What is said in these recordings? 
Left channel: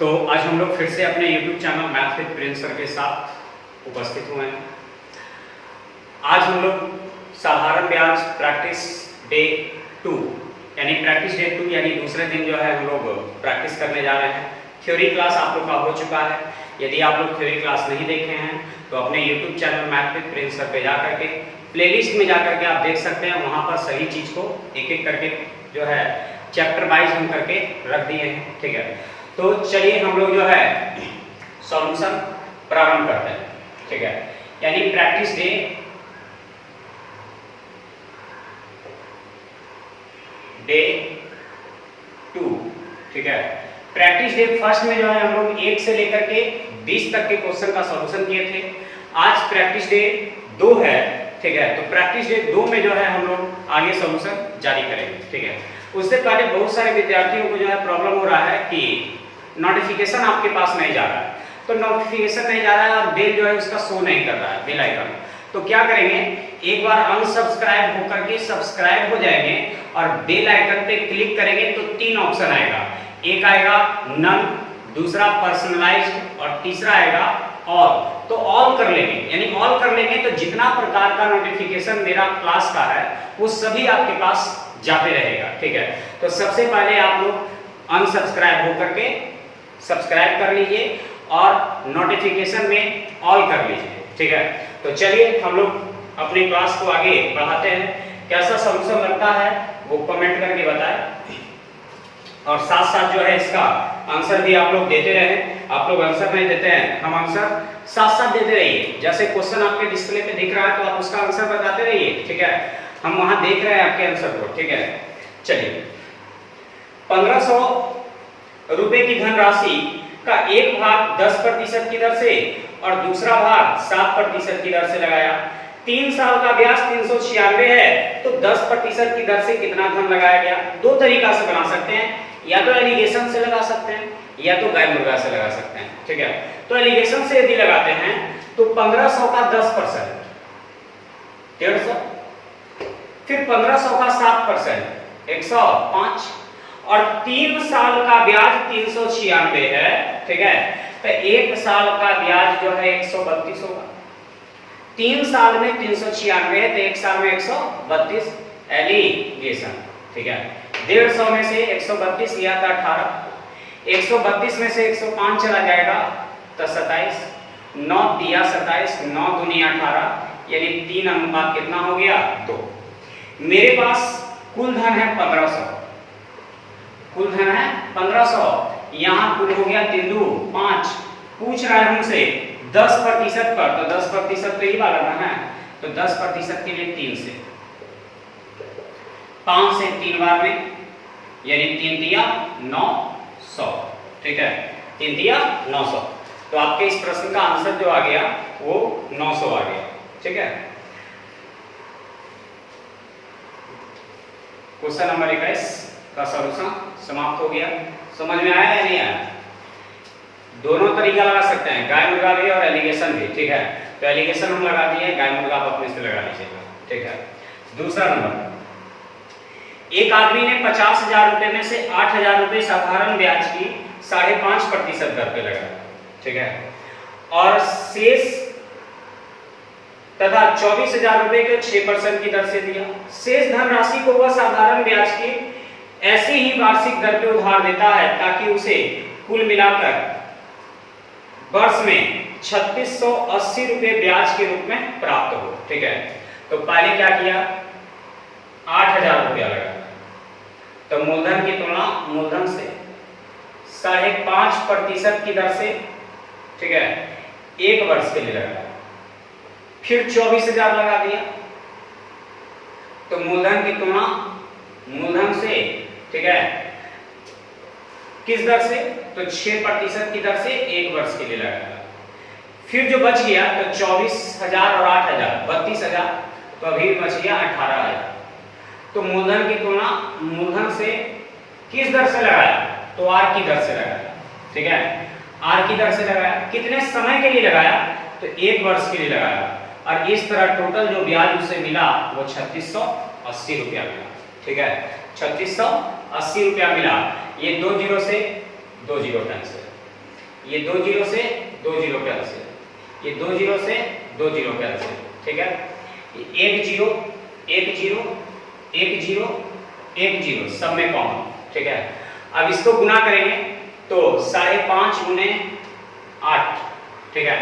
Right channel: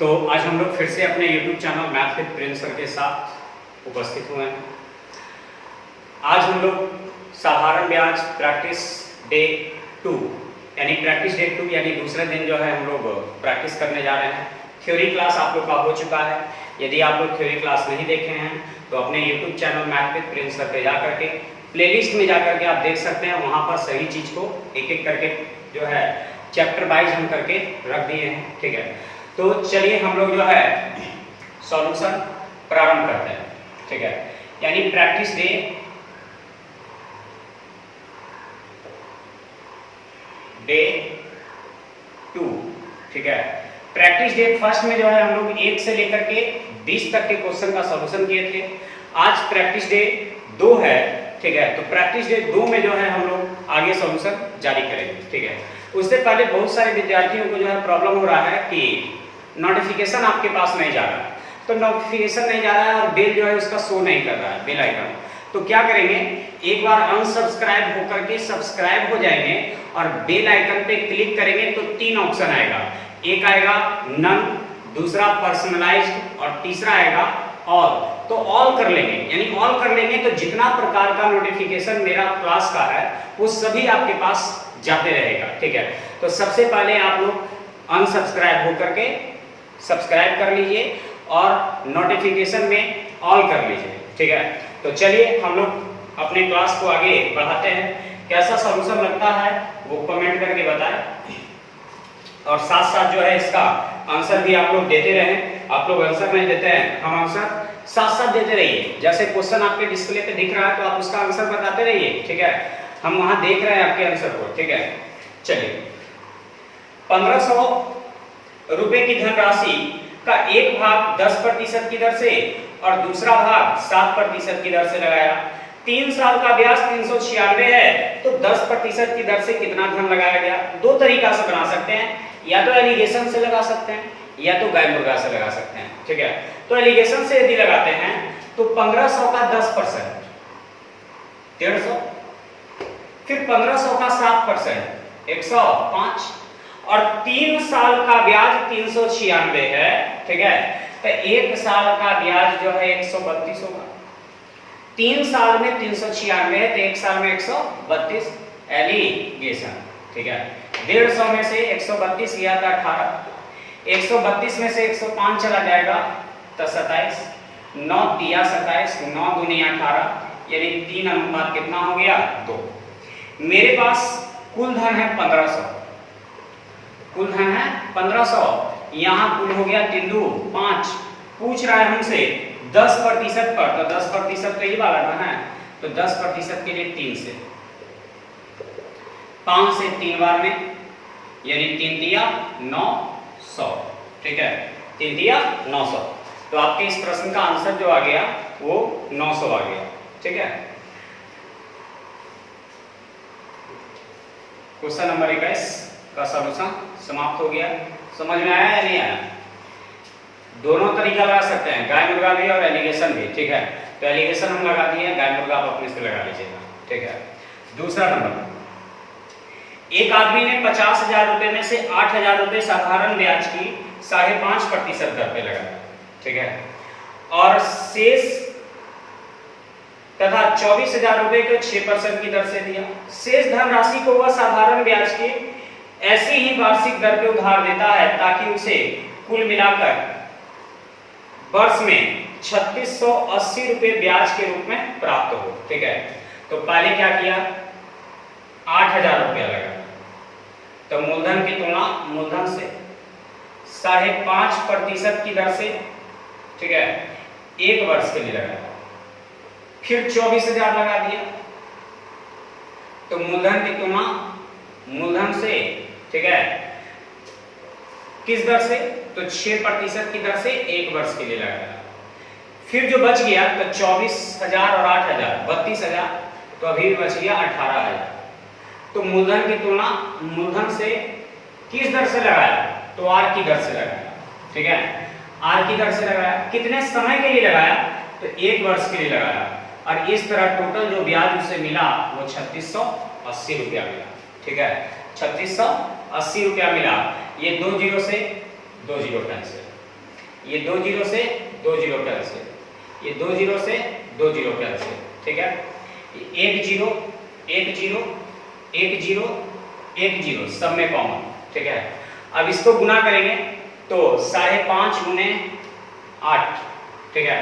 तो आज हम लोग फिर से अपने YouTube channel math with Prince sir के साथ उपस्थित हुए हैं। आज हम लोग साधारण ब्याज प्रैक्टिस डे 2 यानी दूसरे दिन जो है हम लोग प्रैक्टिस करने जा रहे हैं। थ्योरी क्लास आप लोग का हो चुका है। यदि आप लोग थ्योरी क्लास नहीं देखे हैं तो अपने YouTube channel math with Prince sir पे जा करके प्लेलिस्ट में जा करके आप देख सकते हैं। वहाँ पर सही चीज़ को एक एक करके जो है चैप्टर वाइज हम करके रख दिए हैं। ठीक है, तो चलिए हम लोग जो है सॉल्यूशन प्रारंभ करते हैं। ठीक है, यानी प्रैक्टिस डे 2। ठीक है, प्रैक्टिस डे फर्स्ट में जो है हम लोग 1 से लेकर के 20 तक के क्वेश्चन का सॉल्यूशन किए थे। आज प्रैक्टिस डे 2 है। ठीक है, तो प्रैक्टिस डे 2 में जो है हम लोग आगे सॉल्यूशन जारी करेंगे। ठीक है, उससे पहले बहुत सारे विद्यार्थियों को जो है प्रॉब्लम हो रहा है कि नोटिफिकेशन आपके पास नहीं जा रहा है। तो नोटिफिकेशन नहीं जा रहा है और बेल जो है उसका शो नहीं कर रहा है, बेल आइकन। तो क्या करेंगे, एक बार अनसब्सक्राइब होकर के सब्सक्राइब हो जाएंगे और बेल आइकन पे क्लिक करेंगे तो 3 ऑप्शन आएगा। एक आएगा नन, दूसरा पर्सनलाइज्ड और तीसरा आएगा ऑल। तो ऑल कर लेंगे, यानी ऑल कर लेंगे तो जितना प्रकार का नोटिफिकेशन मेरा क्लास का है वो सभी आपके पास जाते रहेगा। ठीक है, तो सबसे पहले आप लोग अनसब्सक्राइब होकर के सब्सक्राइब कर लीजिए और नोटिफिकेशन में ऑल कर लीजिए। ठीक है, तो चलिए हम लोग अपने क्लास को आगे बढ़ाते हैं। कैसा सॉल्यूशन लगता है वो कमेंट करके बताएं और साथ साथ जो है इसका आंसर भी आप लोग देते रहें। आप लोग आंसर नहीं देते हैं, हम आंसर साथ साथ देते रहिए। जैसे क्वेश्चन आपके डिस्प्ले पे दिख रहा है तो आप उसका आंसर बताते रहिए। ठीक है, हम वहां देख रहे हैं आपके आंसर को। ठीक है, चलिए 1500 रुपए की धनराशि का एक भाग 10% की दर से और दूसरा भाग 7% की दर से लगाया। 3 साल का ब्याज 396 है, तो 10% की दर से कितना धन लगाया गया। 2 तरीका से बना सकते हैं, या तो एलिगेशन से लगा सकते हैं या तो गाय मुर्गा से लगा सकते हैं। ठीक है, तो एलिगेशन से यदि लगाते हैं तो 1500 का 10% 150, फिर 1500 का 7% 105 और 3 साल का ब्याज 396 है। ठीक है, तो 1 साल का ब्याज जो है 132 होगा। 3 साल में 396 है तो 1 साल में 132 एलिगेशन। ठीक है, 150 में से 132 लिया था 18, 132 में से 105 चला जाएगा तो 27, 9 दिया 27, 9 दूनी 18, यानी 3 अनुपात कितना हो गया 2। मेरे पास कुल धन है 1500, कुल धन है 1500, यहाँ कुल हो गया 3 2 5। पूछ रहा है हमसे 10% पर, तो 10% तो ये वाला ना है, तो 10% के लिए 3 से 5 से 3 बार में, यानी 3 दिया 900। ठीक है, 3 दिया 900, तो आपके इस प्रश्न का आंसर जो आ गया वो 900 आ गया। ठीक है, क्वेश्चन नंबर 21 का सॉल्यूशन समाप्त हो गया। समझ में आया या नहीं आया? दोनों तरीका लगा सकते हैं, गाय मुर्गा भी और एलिगेशन भी। ठीक है, तो एलिगेशन हम लगा दिए, गाय मुर्गा आप अपने से लगा लीजिएगा। ठीक है, दूसरा नंबर, एक आदमी ने 50,000 रुपए में से 8,000 रुपए साधारण ब्याज की 5.5% दर पे लगाया। ठीक है, और शेष तथा 24,000 रुपए को 6% की दर से दिया। शेष धनराशि को वह साधारण ब्याज की ऐसी ही वार्षिक दर पे उधार देता है ताकि उसे कुल मिलाकर वर्ष में 3680 रुपए ब्याज के रूप में प्राप्त हो। ठीक है, तो पहले क्या किया, 8,000 रुपया लगाया, तो मूलधन की तुलना मूलधन से 5.5% की दर से, ठीक है, 1 वर्ष के लिए लगाया। फिर 24,000 लगा दिया, तो मूलधन की तुलना मूलधन से, ठीक है, किस दर से, तो 6% की दर से 1 वर्ष के लिए लगाया। फिर जो बच गया तो 24,000 और 8,000 32,000, तो अभी बच गया 18,000। तो मूलधन की तुलना मूलधन से किस दर से लगाया, तो आर की दर से लगाया। ठीक है, आर की दर से लगाया। कितने समय के लिए लगाया, तो 1 वर्ष के लिए लगाया, और इस तरह टोटल जो ब्याज उसे मिला वो 3680 रुपया मिला। ठीक है, 3680 रुपया मिला। ये 2 जीरो से 2 जीरो कैंसिल, ये 2 जीरो से 2 जीरो कैंसिल, ये 2 जीरो से 2 जीरो कैंसिल, ठीक है। 1 जीरो 1 जीरो 1 जीरो 1 जीरो सब में कॉमन, ठीक है। अब इसको गुना करेंगे तो 5.5 गुने 8, ठीक है।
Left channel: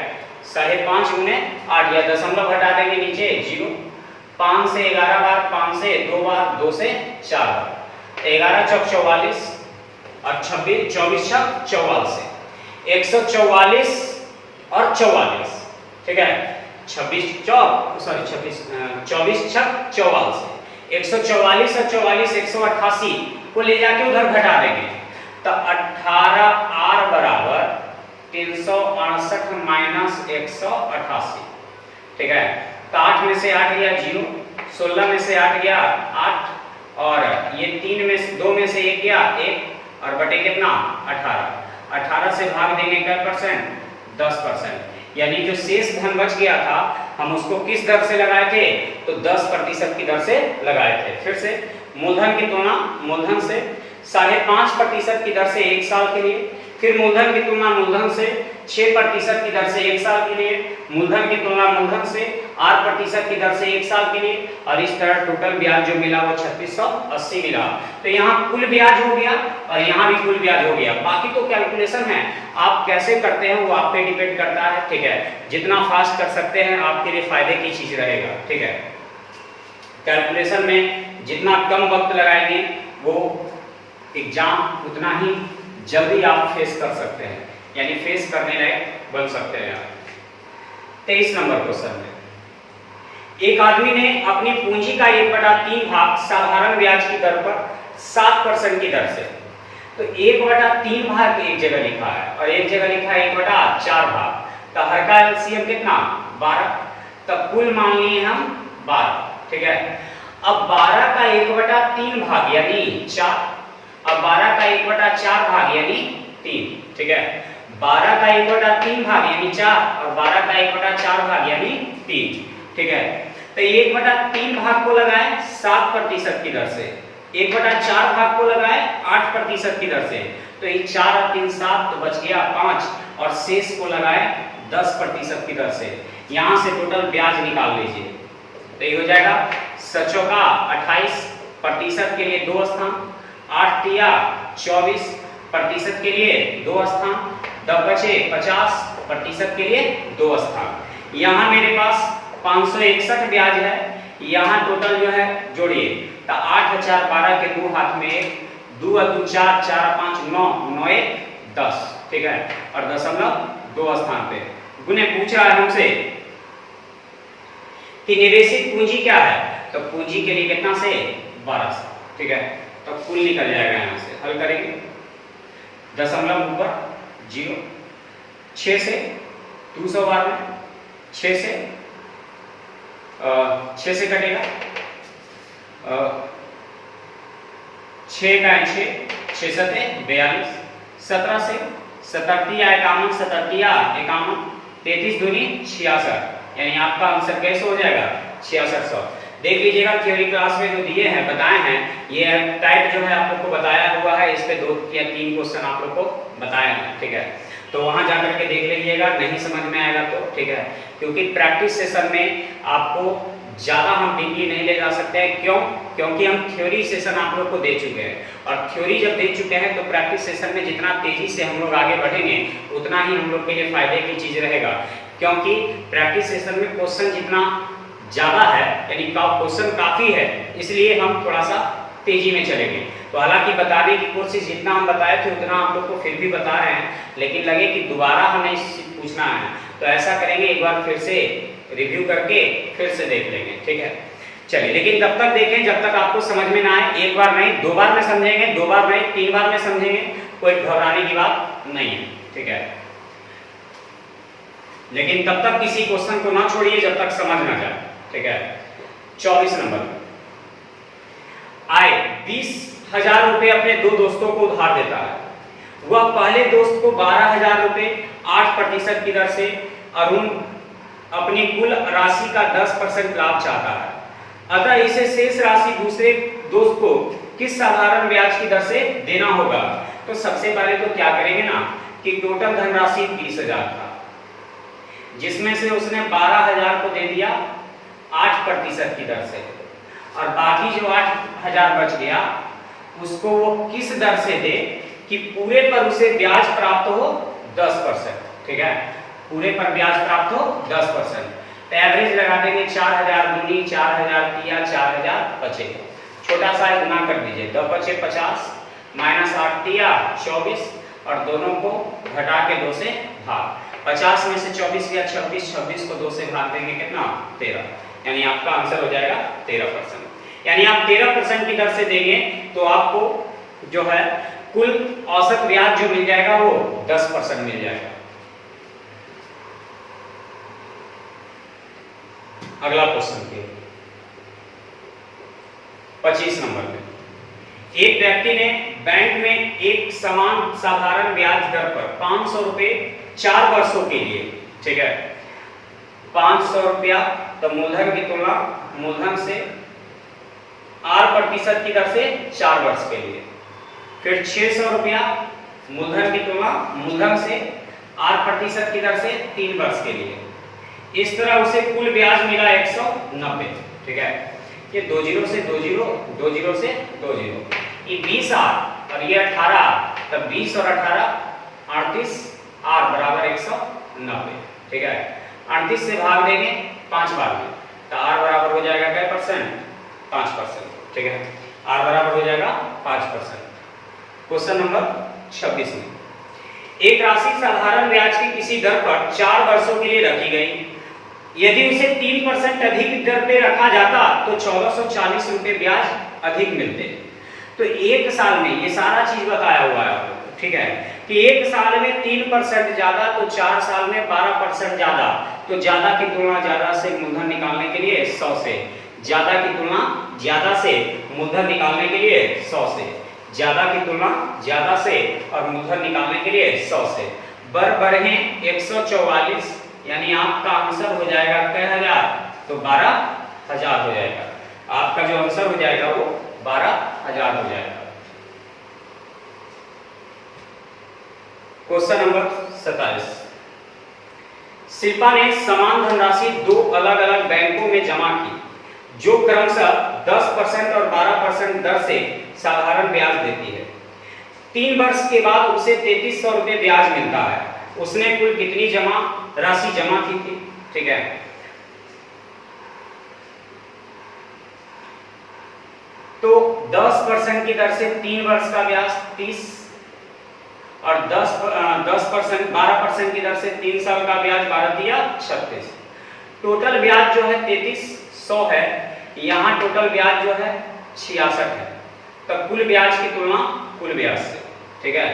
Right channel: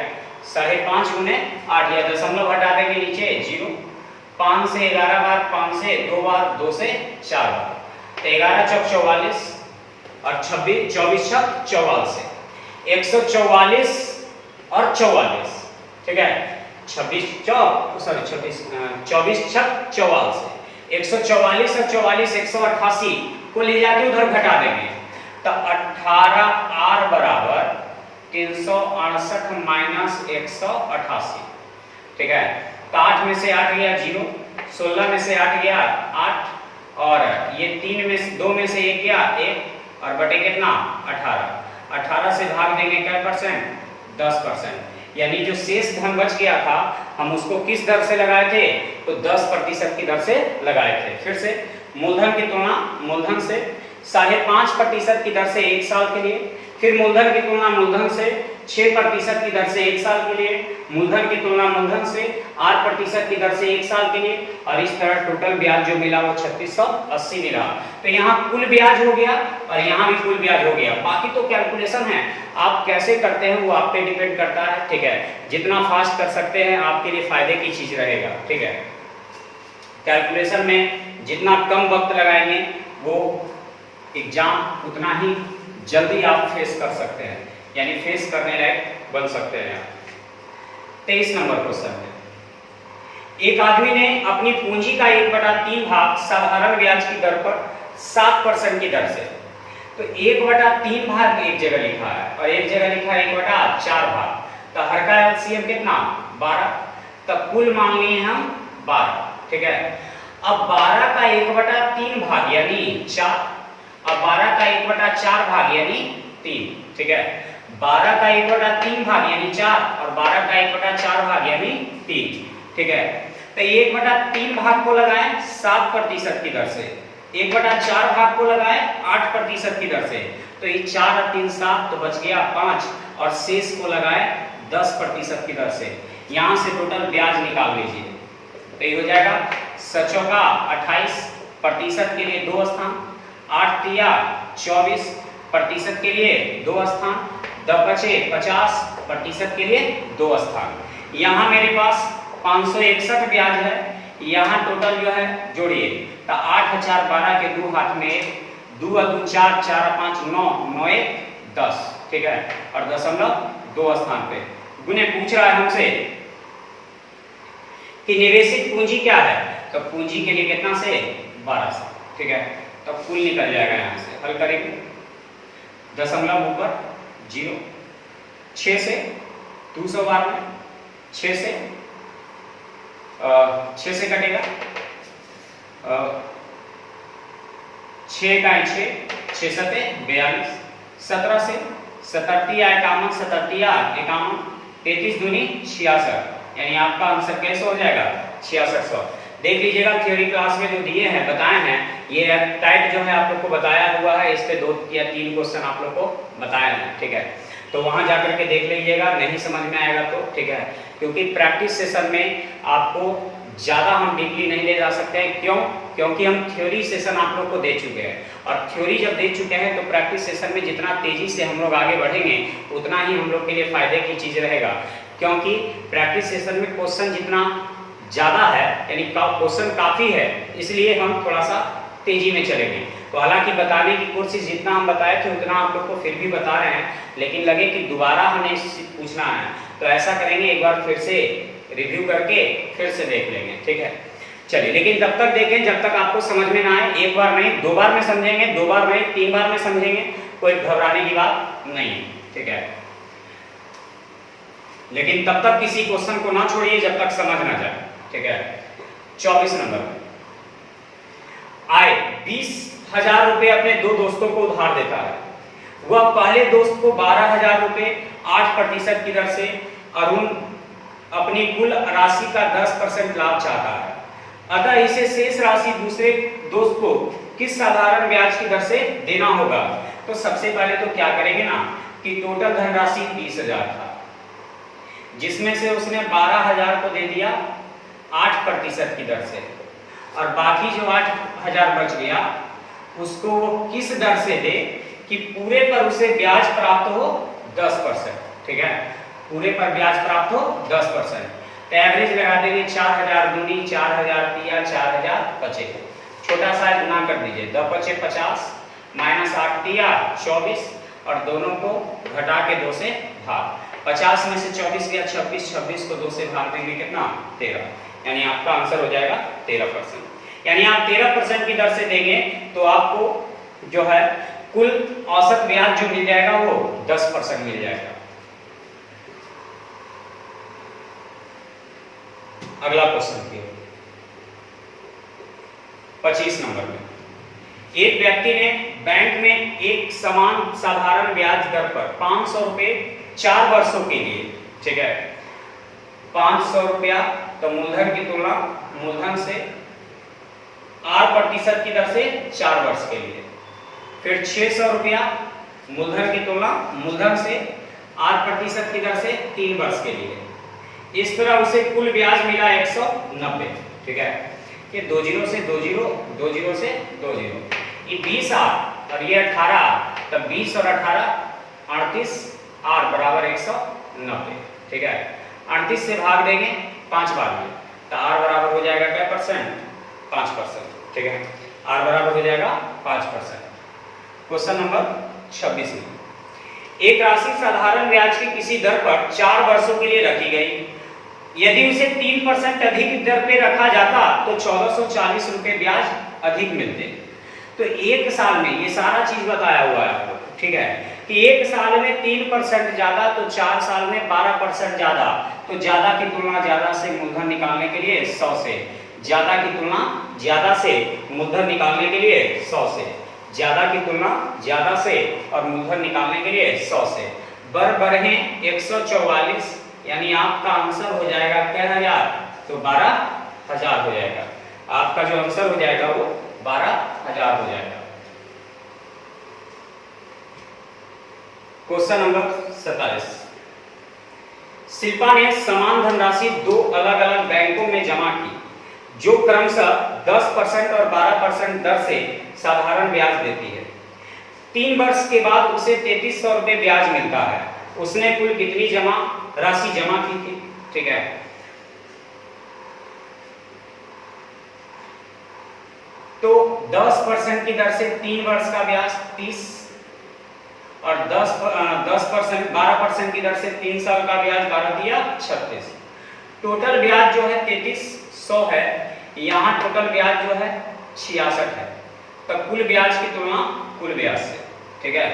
5.5 गुने 8, या दशमलव हटा देंगे नीचे 0। 5 से 11 बार, 5 से 2 बार, 2 से 4 बार, तो 11 चौक 44 और 26 24 छक 44 से 144 और 44, ठीक है। 24 छक 44 से 144 और 44 188 को ले जाके उधर घटा देंगे, तो 18R बराबर 368 माइनस 188, ठीक है। तो 8 में से 8 गया 0, 16 में से 8 गया 8, और ये 3 में से 2 में से 1 गया 1, और बटे कितना 18। 18 से भाग देने का परसेंट 10%, यानी जो शेष धन बच गया था हम उसको किस दर से लगाए थे, तो 10% की दर से लगाए थे। फिर से मूलधन की तुलना मूलधन से 5.5% की दर से 1 साल के लिए, फिर मूलधन की तुलना मूलधन से 6% की दर से 1 साल के लिए, मूलधन की तुलना मूलधन से 8% की दर से 1 साल के लिए, और इस तरह टोटल ब्याज जो मिला वो 3680 मिला। तो यहाँ कुल ब्याज हो गया और यहाँ भी कुल ब्याज हो गया। बाकी तो कैलकुलेशन है, आप कैसे करते हैं वो आप पे डिपेंड करता है, ठीक है। जितना फास्ट कर सकते हैं आपके लिए फायदे की चीज रहेगा, ठीक है। कैलकुलेशन में जितना कम वक्त लगाएंगे वो एग्जाम उतना ही जल्दी आप फेस कर सकते हैं, यानी फेस करने लायक बन सकते हैं। 23 नंबर क्वेश्चन है, एक आदमी ने अपनी पूंजी का 1/3 भाग साधारण ब्याज की दर पर 7% की दर से, तो 1/3 भाग एक जगह लिखा है और एक जगह लिखा है 1/4 भाग, तो हर का एलसीएम कितना 12, तब कुल मान लिए हम 12, ठीक है। अब 12 का 1/3 भाग यानी 4, अब 12 का 1/4 भाग यानी 3, ठीक है। 12 का 1/3 भाग यानी 4 और 12 का 1/4 भाग यानी 3, ठीक है। तो 1/3 भाग को लगाए 7% की दर से, 1/4 भाग को लगाए 8% की दर से, तो ये 4 और 3 7, तो बच गया 5, और शेष को लगाए 10% की दर से। यहां से टोटल ब्याज निकाल लीजिए, तो ये हो जाएगा 7 28% के लिए 2 स्थान, 8 तिया 24% के लिए 2 स्थान, 10 बचे 50% के लिए 2 स्थान। यहाँ मेरे पास 561 ब्याज है, यहाँ टोटल जो है जोड़िए, तो 8 4 12 के 2 हाथ में 1, 2 2 4 4 5 9 9 1 10, ठीक है। और दशमलव 2 स्थान पे गुने पूछ रहा है हमसे कि निवेशित पूंजी क्या है, तो पूंजी के लिए कितना से 12 से, ठीक है। तो कुल निकल जाएगा, यहाँ से हल करेंगे, दशमलव ऊपर 0, 6 से 200 बार में 6 से कटेगा, 6 का 6 सते 42, 17 से 77 51 51, 33 दूनी 66, यानी आपका आंसर कैसे हो जाएगा 6600। देख लीजिएगा थ्योरी क्लास में जो दिए हैं बताए हैं, ये टाइप जो है आप लोग को बताया हुआ है, इस पे 2 या 3 क्वेश्चन आप लोग को बताए हैं, ठीक है। तो वहां जाकर के देख लीजिएगा, नहीं समझ में आएगा तो, ठीक है। क्योंकि प्रैक्टिस सेशन में आपको ज्यादा हम डीपली नहीं ले जा सकते हैं, क्यों? क्योंकि हम थ्योरी सेशन आप लोग को दे चुके हैं, और थ्योरी जब दे चुके हैं तो प्रैक्टिस सेशन में जितना तेजी से हम लोग आगे बढ़ेंगे उतना ही हम लोग के लिए फायदे की चीज रहेगा। क्योंकि प्रैक्टिस सेशन में क्वेश्चन जितना ज्यादा है, यानी क्वेश्चन काफी है, इसलिए हम थोड़ा सा तेजी में चलेंगे। तो हालांकि बताने की कोशिश जितना हम बताए थे उतना आप लोग को फिर भी बता रहे हैं, लेकिन लगे कि दोबारा हमें पूछना है तो ऐसा करेंगे, एक बार फिर से रिव्यू करके फिर से देख लेंगे, ठीक है। चलिए, लेकिन तब तक देखें जब तक आपको समझ में ना आए, एक बार नहीं 2 बार में समझेंगे, 2 बार नहीं 3 बार में समझेंगे, कोई घबराने की बात नहीं, ठीक है। लेकिन तब तक किसी क्वेश्चन को ना छोड़िए जब तक समझ ना जाए, ठीक है। 24 नंबर, आए 20,000 रुपए अपने 2 दोस्तों को उधार देता है। वह पहले दोस्त को 12,000 रुपए 8% की दर से और उन अपनी कुल राशि का 10% लाभ चाहता है। अतः इसे शेष राशि दूसरे दोस्त को किस साधारण ब्याज की दर से देना होगा। तो सबसे पहले तो क्या करेंगे ना कि टोटल धनराशि 30,000 था, जिसमें से उसने 12,000 को दे दिया 8% की दर से, और बाकी जो 8,000 बच गया उसको वो किस दर से दे कि पूरे पर उसे ब्याज प्राप्त हो 10%। ठीक है, पूरे पर ब्याज प्राप्त हो 10%। तो एवरेज लगा देंगे 4,000 दूनी 4,000 किया 4,000 बचे, छोटा सा गुना कर दीजिए, 2 बचे 50 माइनस 8 दिया 24, और दोनों को घटा के 2 से भाग, 50 में से 24 गया 26, 26 को 2 से भाग देंगे कितना 13, यानी आपका आंसर हो जाएगा 13%। यानी आप 13% की दर से देंगे तो आपको जो है कुल औसत ब्याज जो मिल जाएगा वो 10% मिल जाएगा। अगला क्वेश्चन देखिए 25 नंबर में, एक व्यक्ति ने बैंक में एक समान साधारण ब्याज दर पर 500 रुपए 4 वर्षों के लिए, ठीक है, 500 रुपया तो मूलधन की तुलना मूलधन से 8% की दर से 4 वर्ष के लिए, फिर 600 रुपया मूलधन की तुलना मूलधन से 8% की दर से 3 वर्ष के लिए। इस तरह उसे कुल ब्याज मिला 190। ठीक है, ये 2 जीरो से 2 जीरो, 2 जीरो से 2 जीरो, ये 20 आर और ये 18, तब 20 और 18 38 आर बराबर 190। ठीक है, 38 से भाग देंगे 5 बार में तो आर बराबर हो जाएगा क्या परसेंट 5%। ठीक है, आर बराबर हो जाएगा 5%। क्वेश्चन नंबर 26 में, एक राशि साधारण ब्याज की किसी दर पर 4 वर्षों के लिए रखी गई, यदि उसे 3% अधिक दर पे रखा जाता तो 1440 रुपए ब्याज अधिक मिलते। तो एक साल में ये सारा चीज बताया हुआ है आपको, ठीक है, कि एक साल में 3% ज्यादा तो 4 साल में 12% ज्यादा, तो ज्यादा की तुलना ज्यादा से मूलधन निकालने के लिए 100 से, ज्यादा की तुलना ज्यादा से मूलधन निकालने के लिए 100 से, ज्यादा की तुलना ज्यादा से और मूलधन निकालने के लिए 100 से, बर बढ़े 144, यानी आपका आंसर हो जाएगा क्या 1000, तो 12,000 हो जाएगा। आपका जो आंसर हो जाएगा वो 12,000 हो जाएगा। क्वेश्चन नंबर 27, शिल्पा ने समान धनराशि 2 अलग अलग बैंकों में जमा की जो क्रमशः 10% और 12% दर से साधारण ब्याज देती है। 3 वर्ष के बाद उसे 3300 रुपए ब्याज मिलता है। उसने कुल कितनी राशि जमा की थी? ठीक है, तो 10% की दर से 3 वर्ष का ब्याज 30 और 10% 12% की दर से 3 साल का ब्याज 12 दिया 36। टोटल ब्याज जो है 3300 है, यहाँ टोटल ब्याज जो है 66 है। तो कुल ब्याज की तुलना कुल ब्याज से, ठीक है,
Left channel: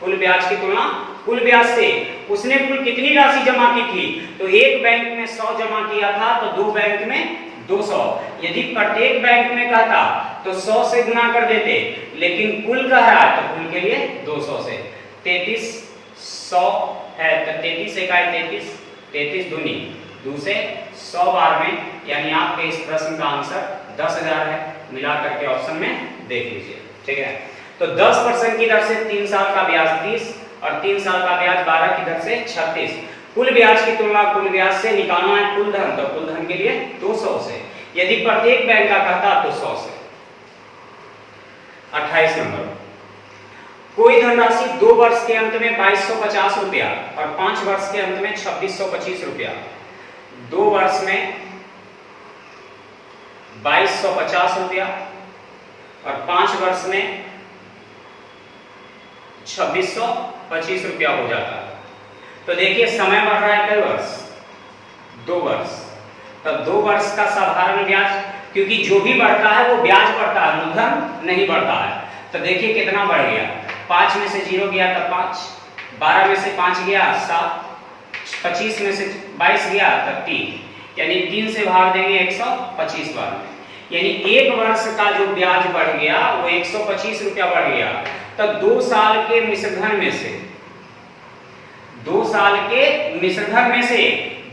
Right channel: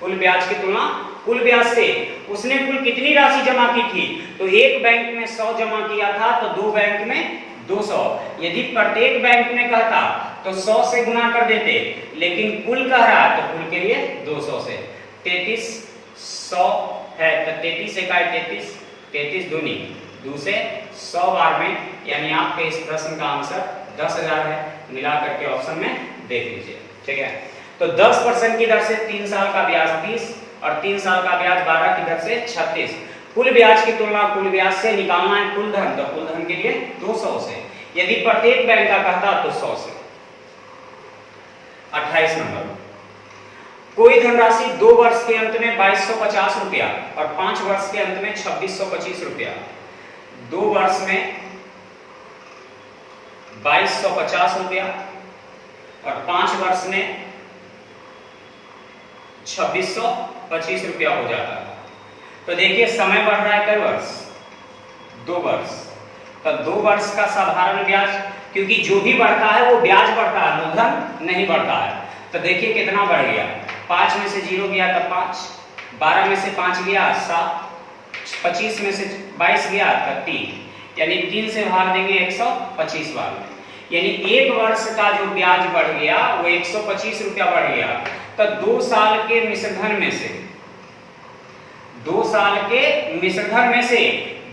कुल ब्याज की तुलना कुल ब्याज से उसने कुल कितनी राशि जमा की थी? तो एक बैंक में 100 जमा किया था तो 2 बैंक में 200। यदि प्रत्येक बैंक में कहता तो 100 से गुना कर देते, लेकिन कुल कह रहा है तो कुल के लिए 200 से 3300 है, तो 33 का 33, 33 दूनी 2 से 100 बार में, यानी आपके इस प्रश्न का आंसर 10,000 है। मिला करके ऑप्शन में देख लीजिए। ठीक है, तो 10% की दर से 3 साल का ब्याज 30 और 3 साल का ब्याज 12 की दर से 36। कुल ब्याज की तुलना कुल ब्याज से निकालना है कुल धन, तो कुल धन के लिए 200 से, यदि प्रत्येक बैंक का कहता तो 100 से। 28 नंबर, कोई धनराशि 2 वर्ष के अंत में 2250 रुपया और 5 वर्ष के अंत में 2625 रुपया, 2 वर्ष में 2250 रुपया और 5 वर्ष में 2625 रुपया हो जाता है। तो देखिए समय बढ़ रहा है कई वर्ष, 2 वर्ष, तो 2 वर्ष का साधारण ब्याज, क्योंकि जो भी बढ़ता है वो ब्याज बढ़ता है, मूलधन नहीं बढ़ता है। तो देखिए कितना बढ़ गया, 5 में से 0 गया तब 5, 12 में से 5 गया 7, 25 में से 22 गया तब 3, यानी 3 से भाग देंगे 125 बार में, यानी 1 वर्ष का जो ब्याज बढ़ गया वो 125 रुपया बढ़ गया। तो 2 साल के मिश्रधन में से 2 साल के मिश्रधन में से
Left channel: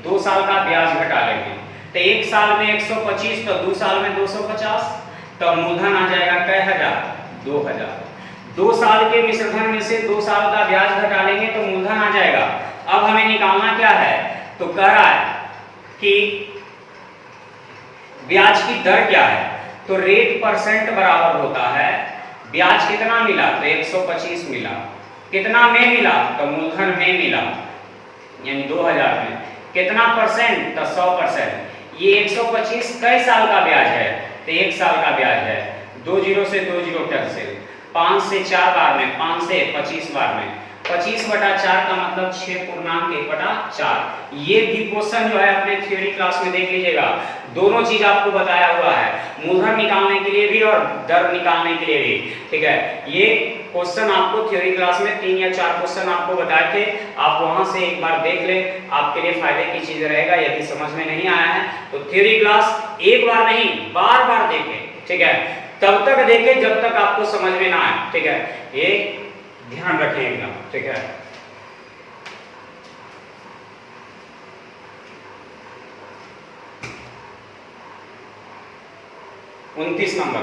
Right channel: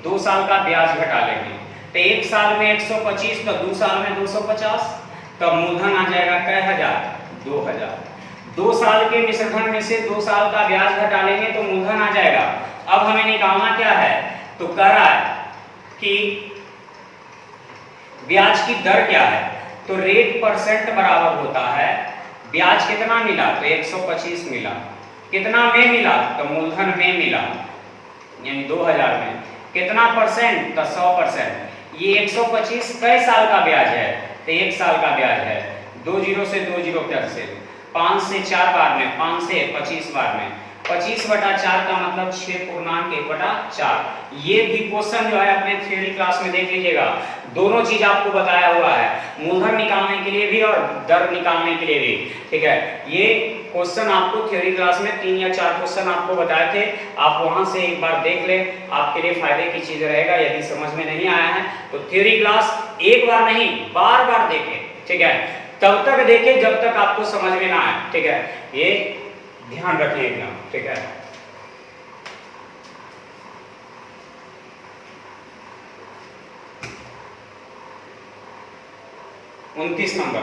2 साल का ब्याज घटा लेंगे, तो 1 साल में 125 तो 2 साल में 250, तो मूलधन आ जाएगा कई हजार 2000। 2 साल के मिश्र धन में से 2 साल का ब्याज घटा लेंगे तो मूलधन आ जाएगा। अब हमें निकालना क्या है, तो कह रहा है कि ब्याज की दर क्या है, तो रेट परसेंट बराबर होता है ब्याज कितना मिला, तो 125 मिला, कितना में मिला, तो मूलधन में मिला यानी 2000 में, कितना परसेंट, तो 100%। ये 125 कई साल का ब्याज है, तो 1 साल का ब्याज है। 2 जीरो से 2 जीरो कैंसिल, 5 से 4 बार में, 5 से 25 बार में, 25/4 का मतलब 6.1/4। ये भी क्वेश्चन जो है अपने थ्योरी क्लास में देख लीजिएगा, दोनों चीज आपको बताया हुआ है, मूलधन निकालने के लिए भी और दर निकालने के लिए भी, ठीक है। ये क्वेश्चन आपको थ्योरी क्लास में 3 या 4 क्वेश्चन आपको बताए थे, आप वहां से एक बार देख ले, आपके लिए फायदे की चीज रहेगा। यदि समझ में नहीं आया है तो थ्योरी क्लास एक बार नहीं बार बार देखें, ठीक है, तब तक देखें जब तक आपको समझ में ना आए, ठीक है, ये ध्यान रखें एकदम, ठीक है। उनतीस नंबर,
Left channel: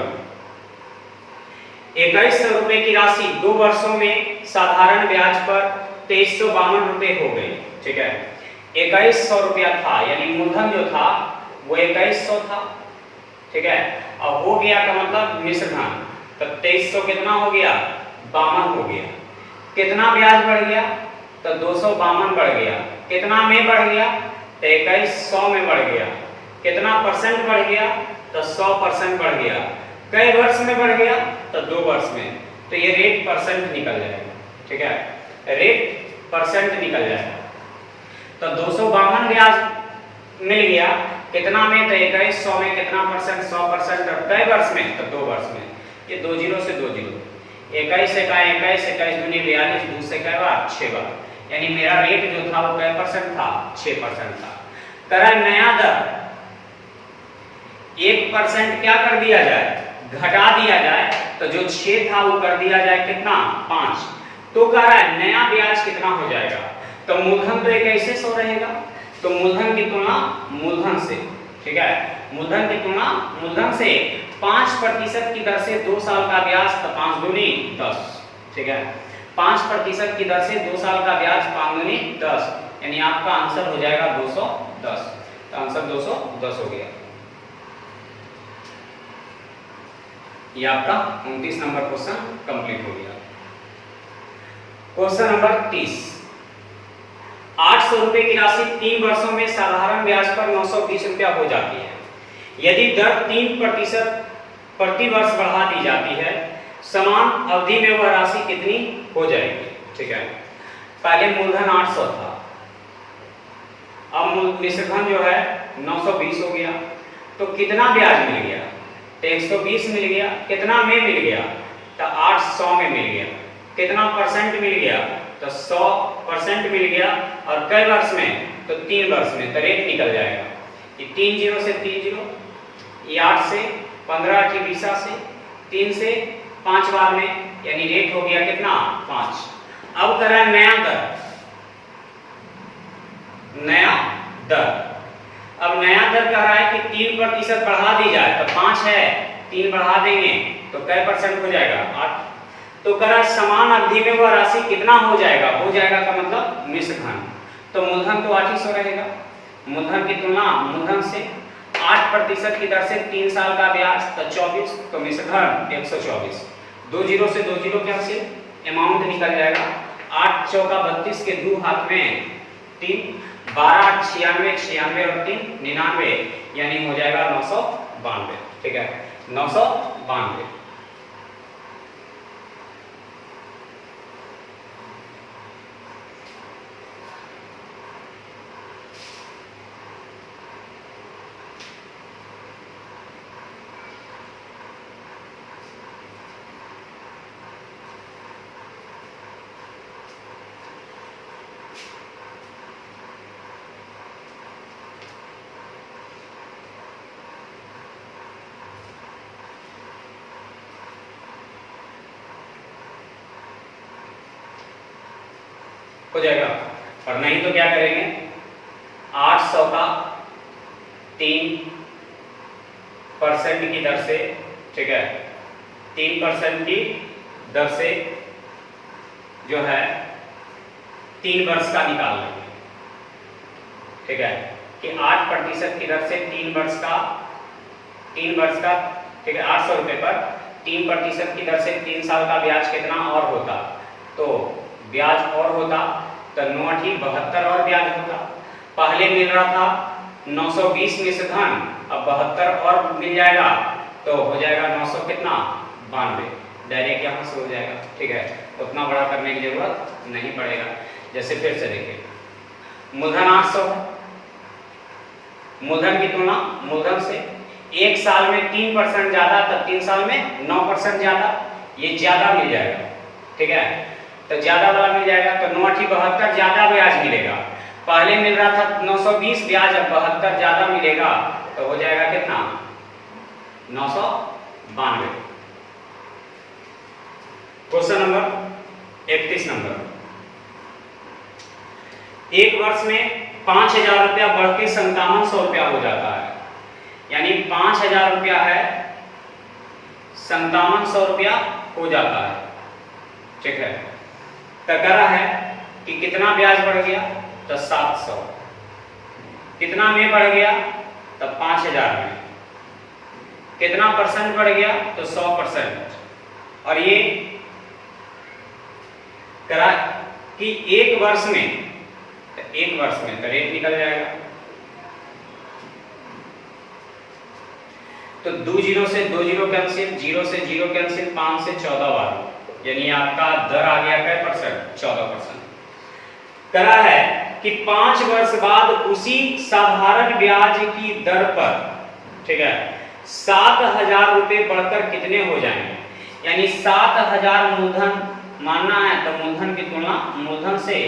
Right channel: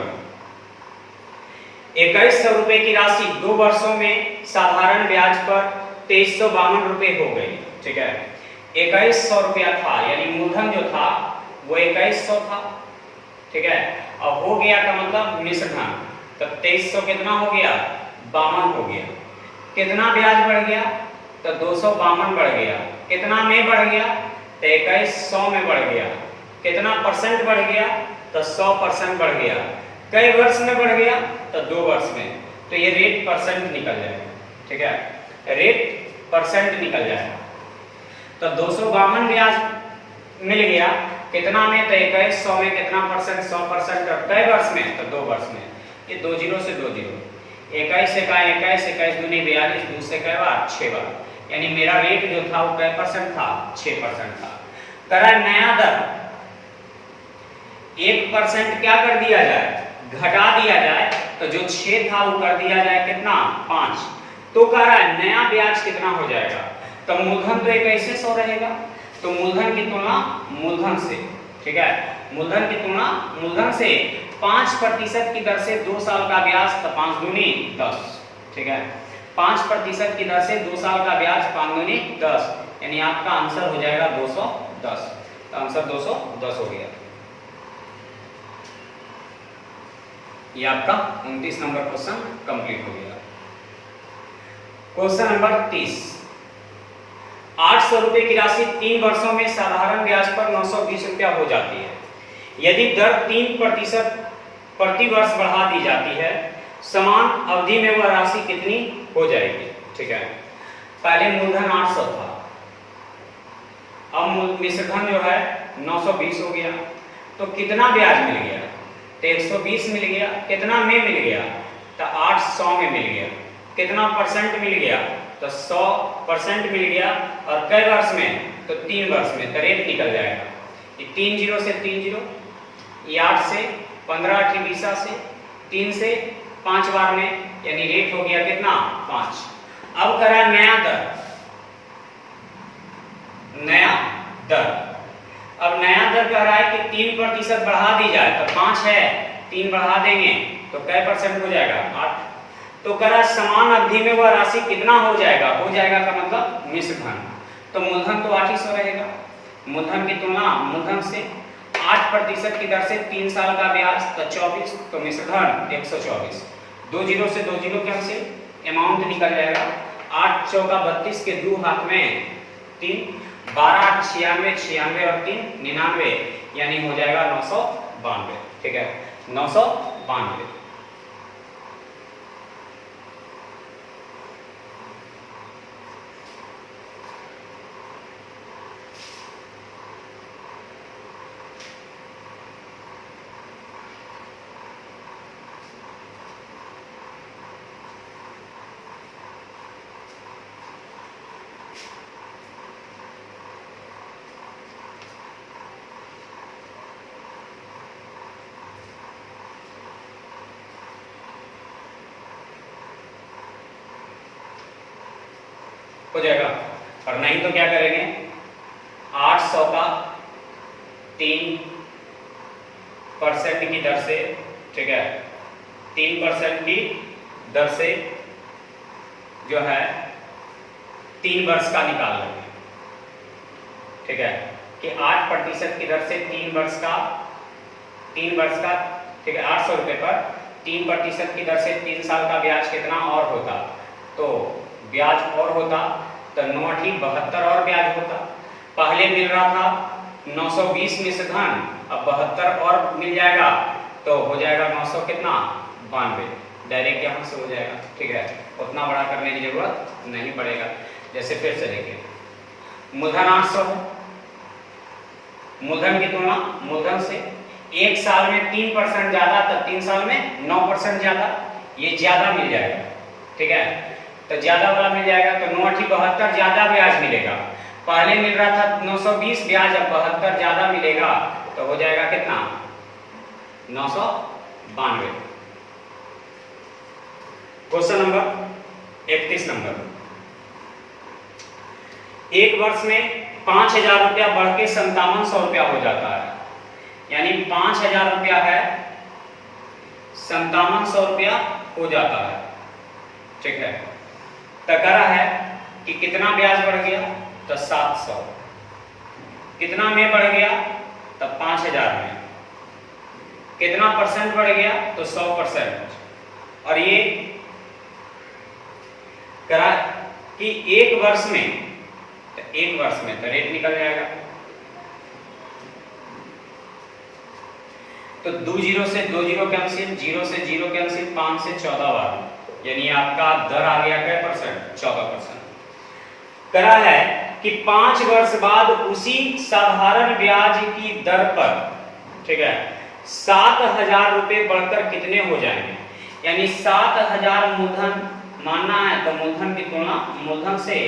2100 रुपए की राशि 2 वर्षों में साधारण ब्याज पर 2352 रुपए हो गई, ठीक है। 2100 रुपया था यानी मूलधन जो था वो 2100 था, ठीक है। अब हो गया का मतलब मिश्र धन, तो 2300 कितना हो गया, 52 हो गया। कितना ब्याज बढ़ गया, तो 252 बढ़ गया। कितना में बढ़ गया, तो 2100 में बढ़ गया। कितना परसेंट बढ़ गया, तो 100% बढ़ गया। कई वर्ष में बढ़ गया, तो 2 वर्ष में, तो ये रेट परसेंट निकल जाएगा, ठीक है, रेट परसेंट निकल जाएगा। तो 252 ब्याज मिल गया, कितना में, तो 2100 में, कितना परसेंट, 100%, और कई वर्ष में, तो 2 वर्ष में। ये 2 जीरो से 2 जीरो, 21 एका 21, 21 दूनी 42, 2 से कई बार, 6 बार, यानी मेरा रेट जो था वो कई परसेंट था, 6% था। तरह नया दर 1% क्या कर दिया जाए, घटा दिया जाए, तो जो 6 था वो कर दिया जाए कितना, 5। तो कह रहा है नया ब्याज कितना हो जाएगा, तो मूलधन तो 2100 रहेगा, तो मूलधन की तुलना मूलधन से, ठीक है, मूलधन की तुलना मूलधन से 5% की दर से 2 साल का ब्याज, तो 5 दूनी 10, ठीक है, 5% की दर से 2 साल का ब्याज, 5 दूनी 10, यानी आपका आंसर हो जाएगा 210। तो आंसर 210 हो गया। ये आपका 29 नंबर क्वेश्चन कंप्लीट हो गया। क्वेश्चन नंबर 30, 800 रुपए की राशि 3 वर्षों में साधारण ब्याज पर 920 रुपया हो जाती है। यदि दर 3% प्रति वर्ष बढ़ा दी जाती है, समान अवधि में वह राशि कितनी हो जाएगी, ठीक है। पहले मूलधन 800 था, अब मिश्र धन जो है 920 हो गया, तो कितना ब्याज मिल गया, तो 120 मिल गया। कितना में मिल गया, तो 800 में मिल गया। कितना परसेंट मिल गया, तो 100% मिल गया, और कई वर्ष में, तो 3 वर्ष में, तो रेट निकल जाएगा। ये 3 जीरो से 3 जीरो, ये 8 से 15, 8 20 से 3 से 5 बार में, यानी रेट हो गया कितना, 5। अब करा नया दर, नया दर, अब नया दर कह रहा है कि 3% बढ़ा दी जाए, तो 5 है, 3 बढ़ा देंगे तो कै परसेंट हो जाएगा, 8। तो कह रहा है समान अवधि में वह राशि कितना हो जाएगा, हो जाएगा का मतलब मिश्र धन, तो मूलधन तो 800 रहेगा। मूलधन की तुलना मूलधन से 8% की दर से 3 साल का ब्याज, तो 24, तो मिश्र धन 124। 2 जीरो से 2 जीरो कैंसिल, अमाउंट निकल जाएगा 8 चौका 32 के 2 हाथ में 3, 12 96, 96 और 3 99, यानी हो जाएगा 992, ठीक है, 992। हो जाएगा, और नहीं तो क्या करेंगे, 800 का 3% की दर से, ठीक है, 3% की दर से जो है 3 वर्ष का निकाल लेंगे। ठीक है, कि 8% की दर से 3 वर्ष का ठीक है 800 रुपये पर 3% की दर से 3 साल का ब्याज कितना और होता, तो ब्याज और होता तो 9×8 = 72 और ब्याज होता। पहले मिल रहा था 920 निश्चित धन, अब 72 और मिल जाएगा तो हो जाएगा 900 कितना 92, डायरेक्ट यहाँ से हो जाएगा। ठीक है, उतना बड़ा करने की जरूरत नहीं पड़ेगा। जैसे फिर चलेंगे, मूलधन 800, मूलधन की तुलना मूलधन से 1 साल में 3% ज्यादा तो 3 साल में 9% ज्यादा, ये ज्यादा मिल जाएगा। ठीक है, तो ज्यादा वाला मिल जाएगा तो 9×8 = 72 ज्यादा ब्याज मिलेगा। पहले मिल रहा था 920 ब्याज, अब 72 ज्यादा मिलेगा तो हो जाएगा कितना 992। क्वेश्चन नंबर 31 नंबर, एक वर्ष में 5000 रुपया बढ़ के 5700 रुपया हो जाता है, यानी 5000 रुपया है 5700 रुपया हो जाता है। ठीक है, तो कह रहा है कि कितना ब्याज बढ़ गया, तो 700, कितना में बढ़ गया, तो 5000 में, कितना % बढ़ गया, तो 100%, और ये करा कि एक वर्ष में तो रेट निकल जाएगा, तो 2 0 से 2 0 कैंसिल, 0 से 0 कैंसिल, 5 से 14 बार, यानी आपका दर आ गया क्या %, 14%। करा है कि 5 वर्ष बाद उसी साधारण ब्याज की दर पर, ठीक है, 7000 रुपए बढ़कर कितने हो जाएंगे, यानी 7000 मूलधन मानना है तो मूलधन की तुलना मूलधन से,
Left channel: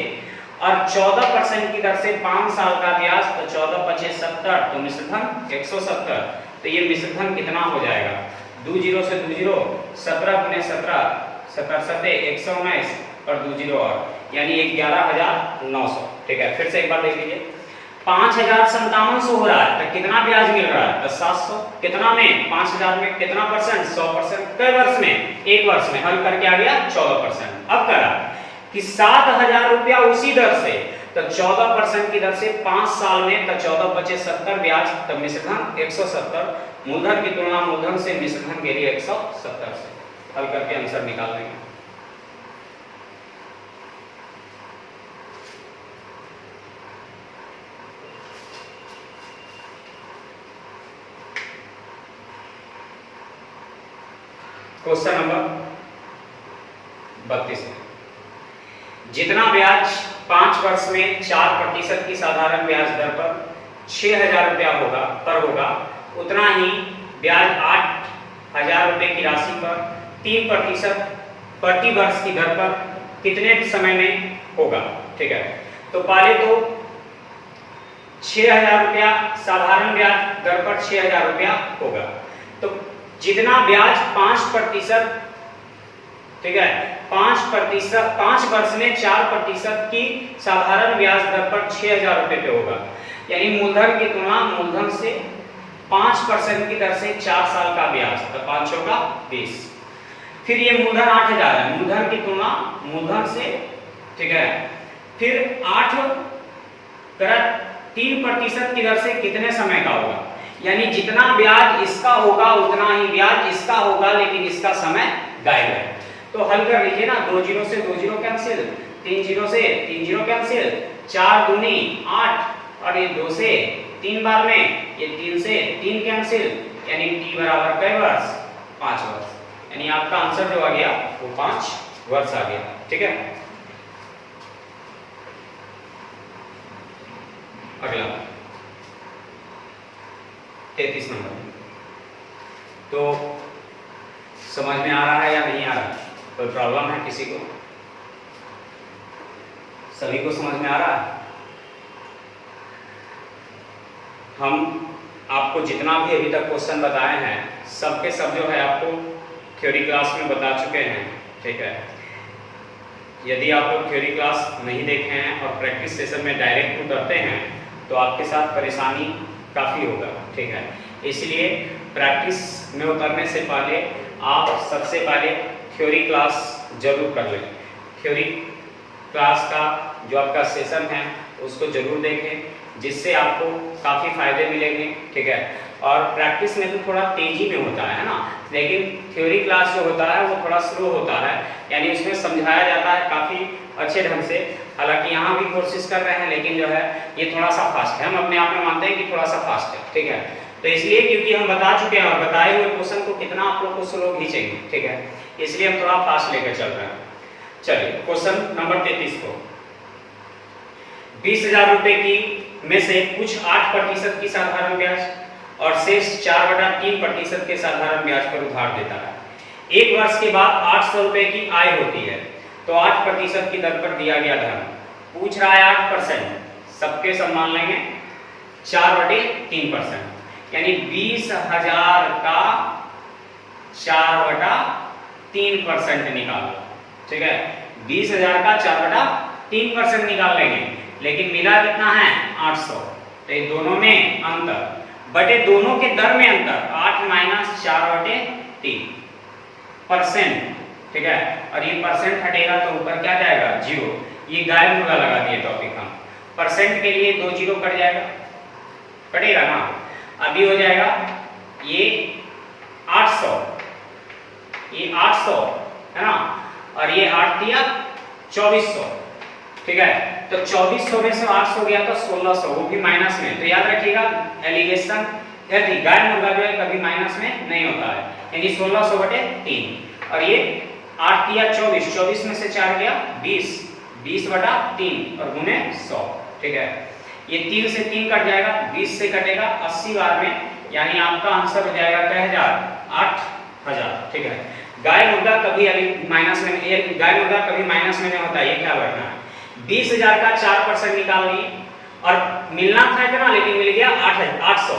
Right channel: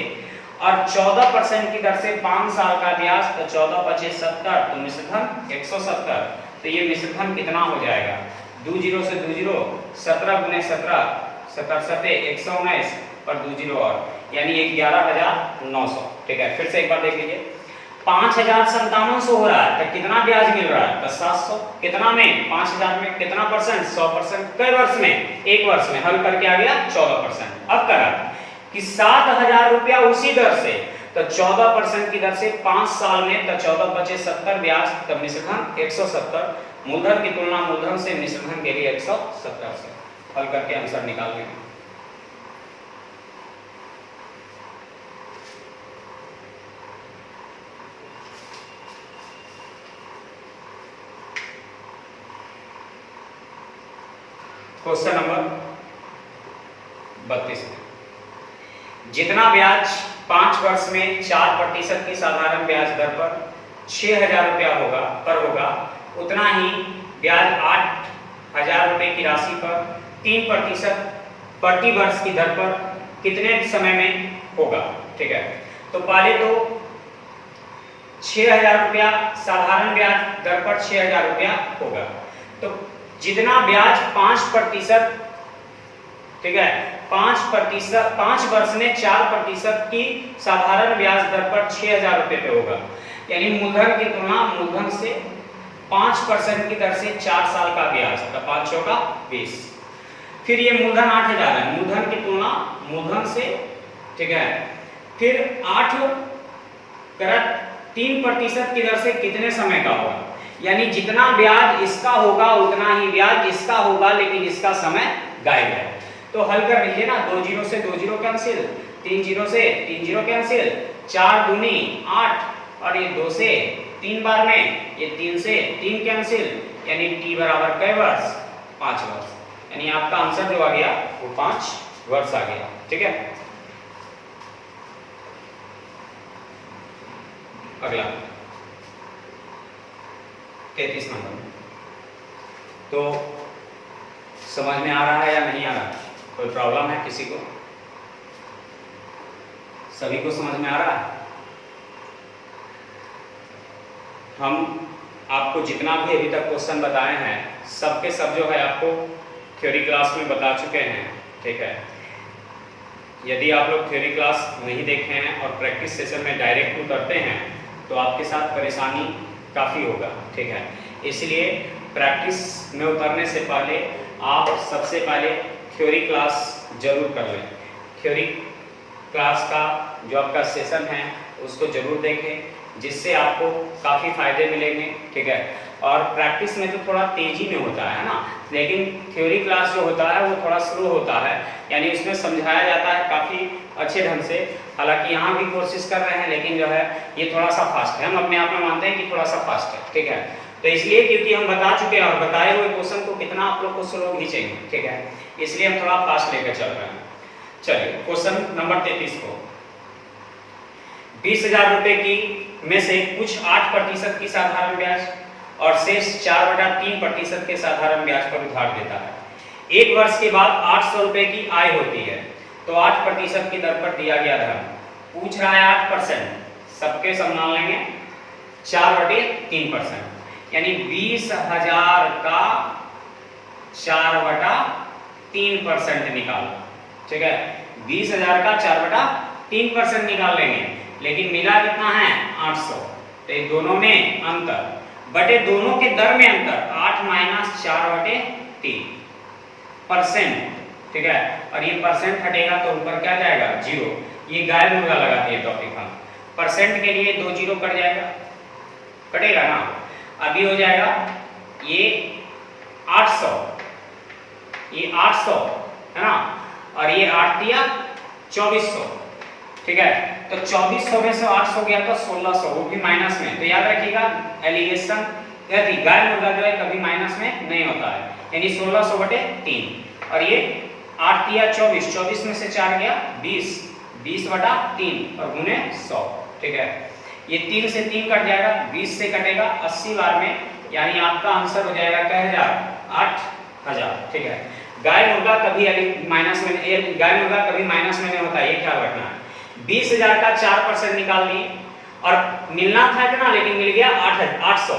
और 14% की दर से 5 साल का ब्याज, तो 14×5 = 70, तो मिश्रधन 170, तो ये मिश्रधन कितना हो जाएगा, 2 0 से 2 0, 17 × 17, 17×7 = 119 और 2 0 और, यानी 11900। ठीक है, फिर से एक बार देख लीजिए, 5700 हो रहा है तो कितना ब्याज मिल रहा है, तो 700, कितना में 5000 में कितना %, 100%, कई वर्ष में, एक वर्ष में, हल करके आ गया 14%। अब करा कि 7000 रुपया उसी दर से, तो 14% की दर से 5 साल में, तो 14×5 = 70 ब्याज, तो मिश्रधन 170, मूलधन की तुलना मूलधन से, मिश्रधन के लिए 170 से, हल करके आंसर निकाल लेंगे। क्वेश्चन नंबर 32, जितना ब्याज 5 वर्ष में 4% की साधारण ब्याज दर पर 6000 रुपया होगा, उतना ही ब्याज 8000 रुपए की राशि पर 3% प्रति वर्ष की दर पर कितने समय में होगा। ठीक है, तो पहले तो 6000 रुपया साधारण ब्याज दर पर 6000 रुपया होगा, तो जितना ब्याज 5%, ठीक है, 5 वर्ष में 4% की साधारण ब्याज दर पर 6000 रुपए पे होगा, यानी मूलधन की तुलना मूलधन से 5% की दर से 4 साल का ब्याज, तो 5 × 20, फिर ये मूलधन 8000 है, मूलधन की तुलना मूलधन से, ठीक है, फिर 3% की दर से कितने समय का होगा, यानी जितना ब्याज इसका होगा उतना ही ब्याज इसका होगा, लेकिन इसका समय गायब है। तो हल कर लीजिए ना, 2 0 से 2 0 कैंसिल, 3 0 से 3 0 कैंसिल, 4 दूनी 8, और ये 2 से 3 बार में, ये 3 से 3 कैंसिल, यानी t बराबर कई वर्ष, 5 वर्ष, यानी आपका आंसर जो आ गया वो 5 वर्ष आ गया। ठीक है, अगला 33 नंबर, तो समझ में आ रहा है या नहीं आ रहा, कोई प्रॉब्लम है किसी को, सभी को समझ में आ रहा है। हम आपको जितना भी अभी तक क्वेश्चन बताए हैं सब के सब जो है आपको थ्योरी क्लास में बता चुके हैं। ठीक है, यदि आप लोग थ्योरी क्लास नहीं देखे हैं और प्रैक्टिस सेशन में डायरेक्ट उतरते हैं तो आपके साथ परेशानी काफ़ी होगा। ठीक है, इसलिए प्रैक्टिस में उतरने से पहले आप सबसे पहले थ्योरी क्लास जरूर कर लें। थ्योरी क्लास का जो आपका सेशन है उसको जरूर देखें, जिससे आपको काफ़ी फायदे मिलेंगे, ठीक है। और प्रैक्टिस में तो थोड़ा तेजी में होता है ना, लेकिन थ्योरी क्लास जो होता है वो थोड़ा स्लो होता है, यानी उसमें समझाया जाता है काफ़ी अच्छे ढंग से। हालांकि यहाँ भी कोशिश कर रहे हैं, लेकिन जो है ये थोड़ा सा फास्ट है, हम अपने आप में मानते हैं कि थोड़ा सा फास्ट है, ठीक है। तो इसलिए क्योंकि हम बता चुके हैं और बताए हुए क्वेश्चन को कितना आप लोग को स्लो खींचेंगे, ठीक है, इसलिए हम थोड़ा फास्ट लेकर चल रहे हैं। चलिए क्वेश्चन नंबर 33 को, 20,000 रुपए की में से कुछ 8% की साधारण ब्याज और शेष 4/3% के साधारण ब्याज पर उधार देता है। एक वर्ष के बाद 800 रुपए की आय होती है, तो 8% की दर पर दिया गया धन, पूछ रहा है 8%, सबके सब मान लेंगे 4/3%, यानी 20,000 का 4/3% निकालो, ठीक है। 20,000 का 4/3% निकाल लेंगे, लेकिन मिला कितना है 800, तो ये दोनों में अंतर बटे दोनों के दर में अंतर, 8 - 4/3%, ठीक है। और ये परसेंट हटेगा तो ऊपर क्या जाएगा 0, ये गायब मुद्रा लगा दिए टॉपिक हम, परसेंट के लिए 2 0 कट जाएगा, कटेगा ना, अभी हो जाएगा ये 800, ये 800 है ना, और ये 8 दिया 2400, ठीक है। तो 2400 में से 800 गया तो 1600, वो भी माइनस में, तो याद रखिएगा एलिगेशन गायब मुद्रा जो है कभी माइनस में नहीं होता है, यानी 1600/3, और ये 8 दिया 24, 24 में से 4 गया 20, 20/3 और गुने 100, ठीक है। ये 3 से 3 कट जाएगा, 20 से कटेगा 80 बार में, यानी आपका आंसर हो जाएगा क्या 8,000, ठीक है। गायब मुद्रा कभी माइनस में, गायब मुद्रा कभी माइनस में नहीं होता, ये ख्याल रखना। 20,000 का 4% निकाल लिए और मिलना था इतना, लेकिन मिल गया 800,